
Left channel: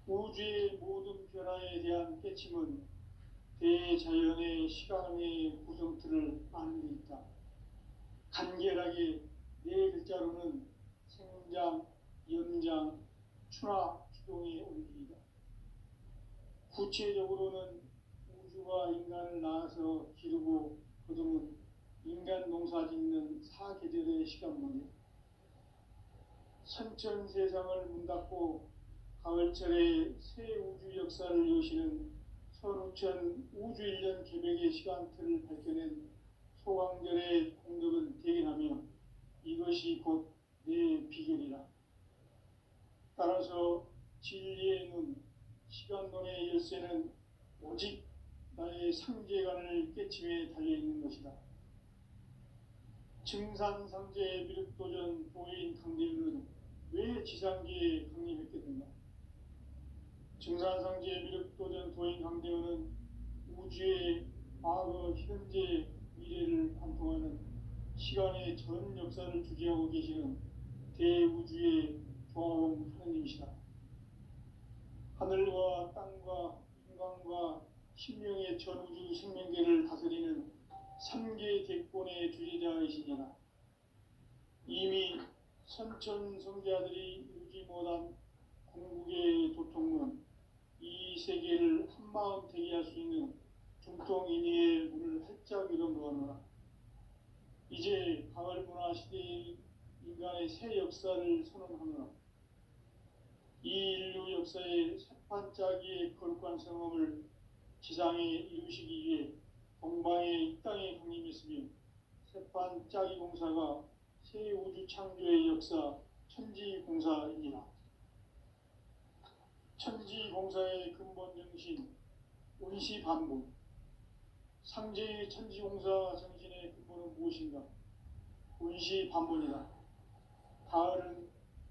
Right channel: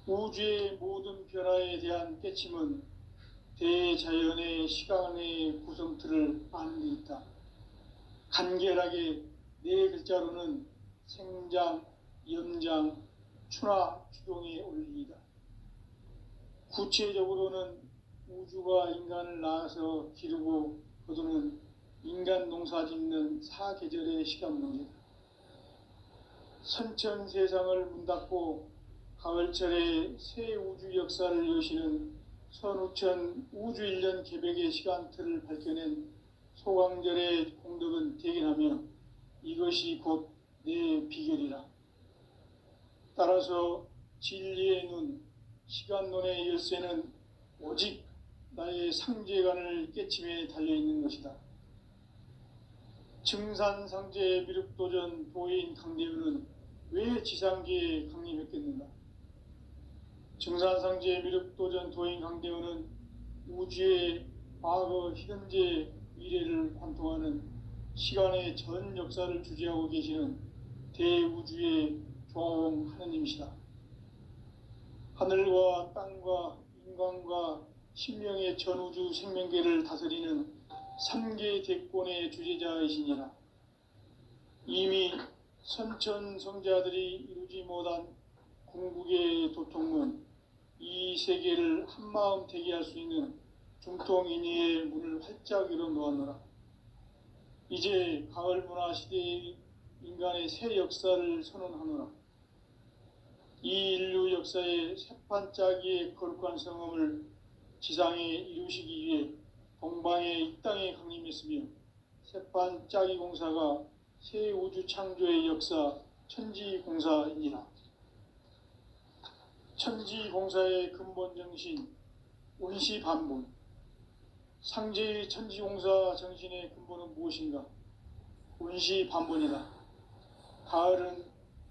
우주의 모든 변화에 대한 깨침은 대자연의 시간의 구성틀을 아는 데 있다. 간결하게 네 글자로는 생장, 염장, 추나 추동의 원리이다. 구체적으로는 우주가 인간을 낳아서 기르고 거두는 인간 농사 짓는 사계절의 시간 문제다. 선천 세상을 문 닫고 가을철에 새 우주 역사를 여시는 선우천 우주 일년 개벽의 시간틀을 밝혀낸 소강절의 공덕은 대견하며 이것이 곧 내 비결이라. 따라서 진리의 눈, 시간론의 열쇠는 오직 나의 상제관을 깨침에 달려있는 것이다. 증산상제 미륵도전 도인 강대우는 왜 지상계에 강림했겠는가? 증산상제 미륵도전 도인 강대우는 우주의 과거, 현재, 미래를 관통하는 시간의 전 역사를 주재하고 계시는 대우주의 조화원 하느님이시다. 하늘과 땅과 인간과 신명의 전우주 생명계를 다스리는 3계 대권의 주제자이시니라. 이미 선천성자들이 이루지 못한 궁극의 도통은 이 세계를 한마음 되게 할 수 있는 중통인의의 문을 활짝 열어놓았노라. 이제 가을 문화 시대의 인간의 새 역사를 선언하노라. 이 인류 역사의 새판짜기의 거룩한 성험을 지상에 이루시기 위해 동방의 이 땅에 강림했으며 새판짜기 공사가 새 우주 창조의 역사 천지공사이니라. 천지공사의 근본 정신 운시반본. 상제의 천지공사 정신의 근본은 무엇인가? 운시반본이다. 가을은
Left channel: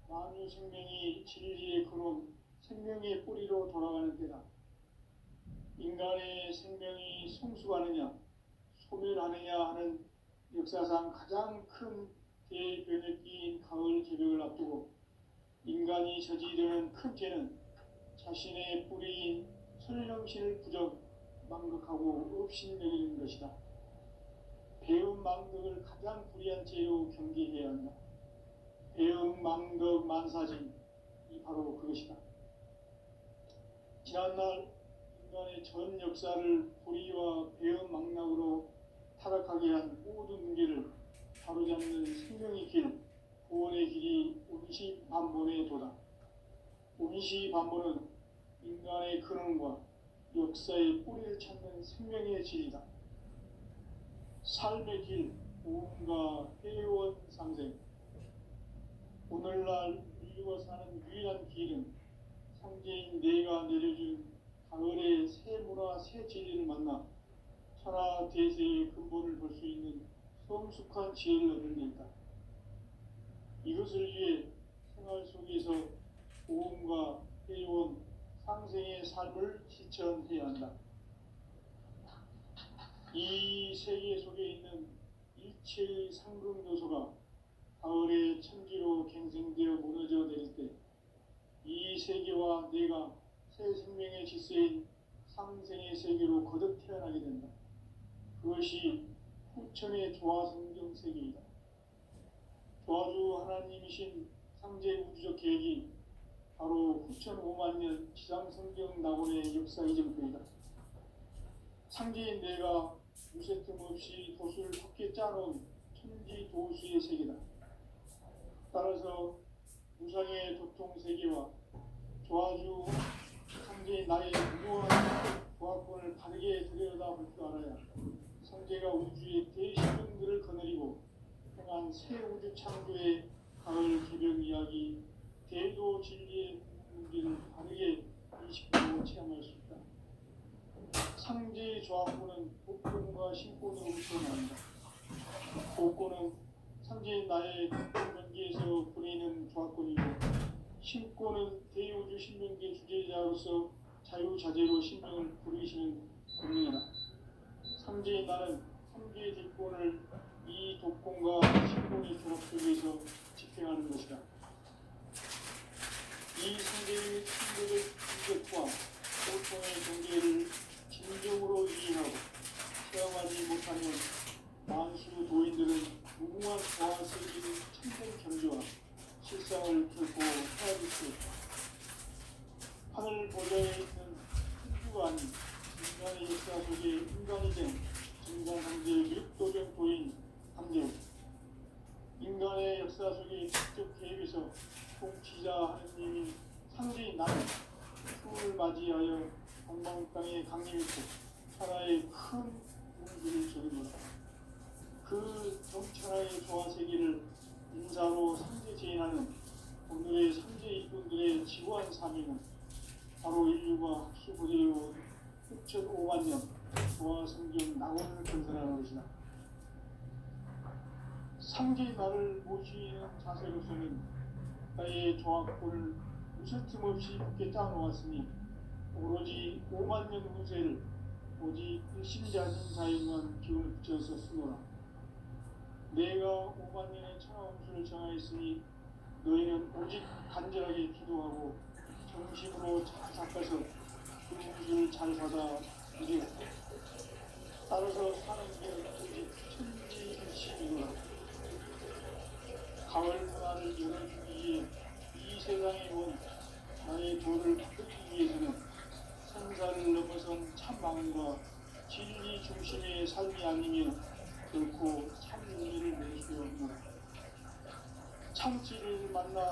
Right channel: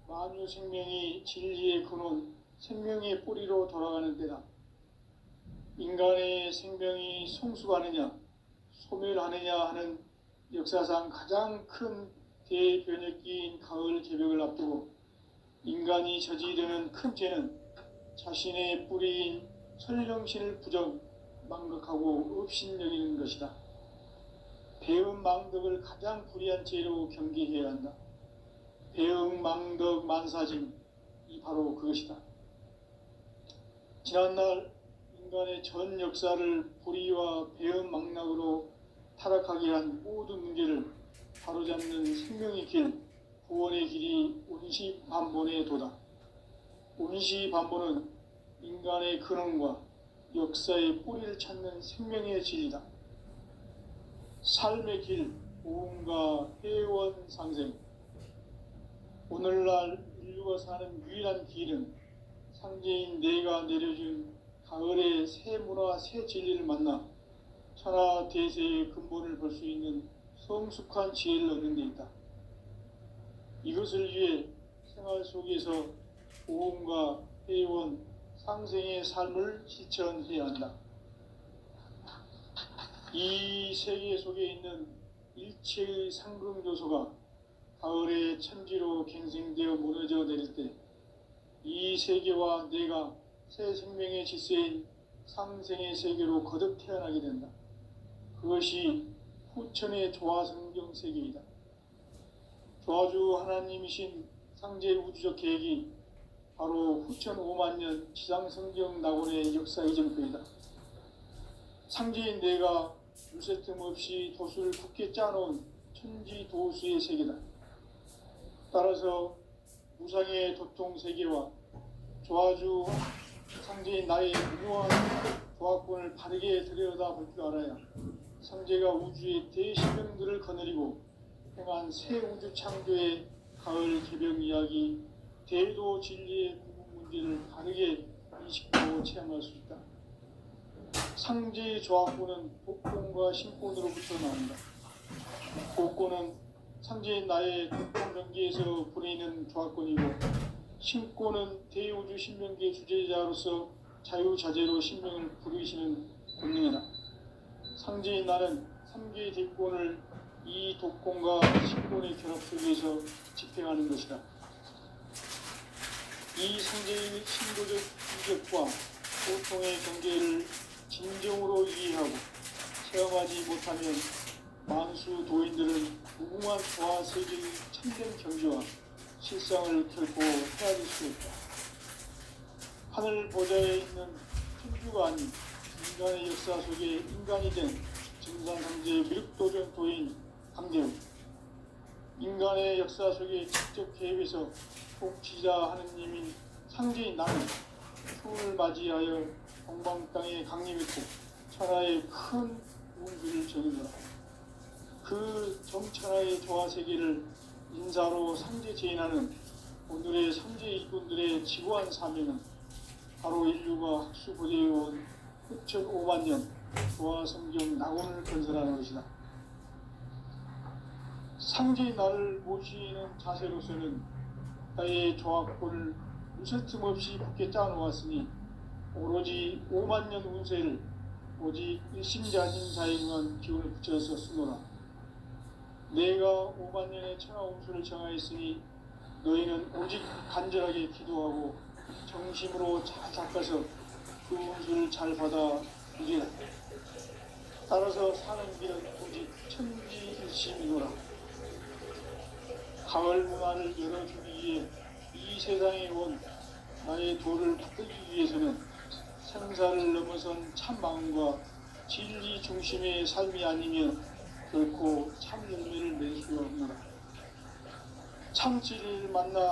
만유 생명이 진리의 근원, 생명의 뿌리로 돌아가는 때다. 인간의 생명이 성숙하느냐, 소멸하느냐 하는 역사상 가장 큰 대변혁기인 가을 개벽을 앞두고 인간이 저지르는 큰 죄는 자신의 뿌리인 설령신을 부정, 망각하고 업신여기는 것이다. 배음 망덕을 가장 불의한 죄로 경계해야 한다. 배음 망덕 만사짐이 바로 그것이다. 지난날 인간의 전 역사를 불의와 배음 망락으로 타락하게 한 모든 문제를 바로잡는 생명의 길, 구원의 길이 운시반본의 도다. 운시반본은 인간의 근원과 역사의 뿌리를 찾는 생명의 진리다. 삶의 길, 보험과 회원 상생. 오늘날 인류가 사는 유일한 길은 상제인 내가 내려준 가을의 새 문화, 새 진리를 만나 천하 대세의 근본을 볼 수 있는 성숙한 지혜를 얻는 데 있다. 이것을 위해 생활 속에서 보험과 회원, 상생의 삶을 실천해야 한다. 이 세계 속에 있는 일체의 상금 요소가 가을의 천지로 갱생되어 무너져 내릴 때 이 세계와 내가 새 생명의 질서인 상생의 세계로 거듭 태어나게 된다. 그것이 후천의 조화성경 세계이다. 조화주 하나님이신 상제 우주적 계획이 바로 후천 5만 년 지상성경 낙원의 역사 이전표이다. 상제인 내가 물새 틈 없이 도수를 굳게 짜놓은 천지 도수의 세계다. 따라서 무상의 도통 세계와 조화주 상제인 나의 무료한 조화권을 바르게 들여다볼 줄 알아야 상제가 우주의 대신령들을 거느리고 행한 새 우주 창조의 가을 개벽 이야기, 대도 진리의 구분 문제를 바르게 인식하고 체험할 수 있다. 상제의 조화권은 복권과 신권으로부터 나온다. 복권은 상제인 나의 독본 명기에서 보내는 조화권이고, 신권은 대우주 신명기의 주제자로서 자유자재로 신명을 부르시는 권능이다. 상제인 나는 3개의 대권을 이 독권과 신권의 결합 속에서 집행하는 것이다. 이 상제의 신도적 인격과 보통의 경계를 진정으로 이해하고 체험하지 못하면 만수 도인들은 무궁한 조화 세계의 참된 경지와 실상을 결코 헤아릴 수 없다. 하늘 보좌에 있는 천주가 아닌 인간의 역사 속에 인간이 된 증산상제의 미륵도전 도인 강재우, 인간의 역사 속에 직접 개입해서 통치자 하느님인 상제인 나는 풍을 맞이하여 동방 땅에 강림했고 천하의 큰 운기를 전해주었다. 그 정천하의 조화 세계를 인사로 상제 제인하는 오늘의 상제 이군들의 지고한 사명은 바로 인류가 학수고대해온 후천 5만 년 조화 성경 낙원을 건설하는 것이다. 상제의 나를 모시는 자세로서는 나의 조화권을 무슨 틈 없이 굳게 짜놓았으니 오로지 5만 년 운세를 오직 일심자진 자에게만 기운을 붙여서 쓰노라. 내가 5만 년의 천하 운수를 정하였으니 너희는 오직 간절하게 기도하고 정심으로 잘 닦아서 그 운수를 잘 받아 누리라. 따라서 사는 길은 오직 천지일심이노라. 가을 문화를 열어주기 위해 이 세상에 온 나의 도를 받들기 위해서는 생사를 넘어선 참 마음과 진리 중심의 삶이 아니면 결코 참 열매를 낼 수 없노라. 참지를 만나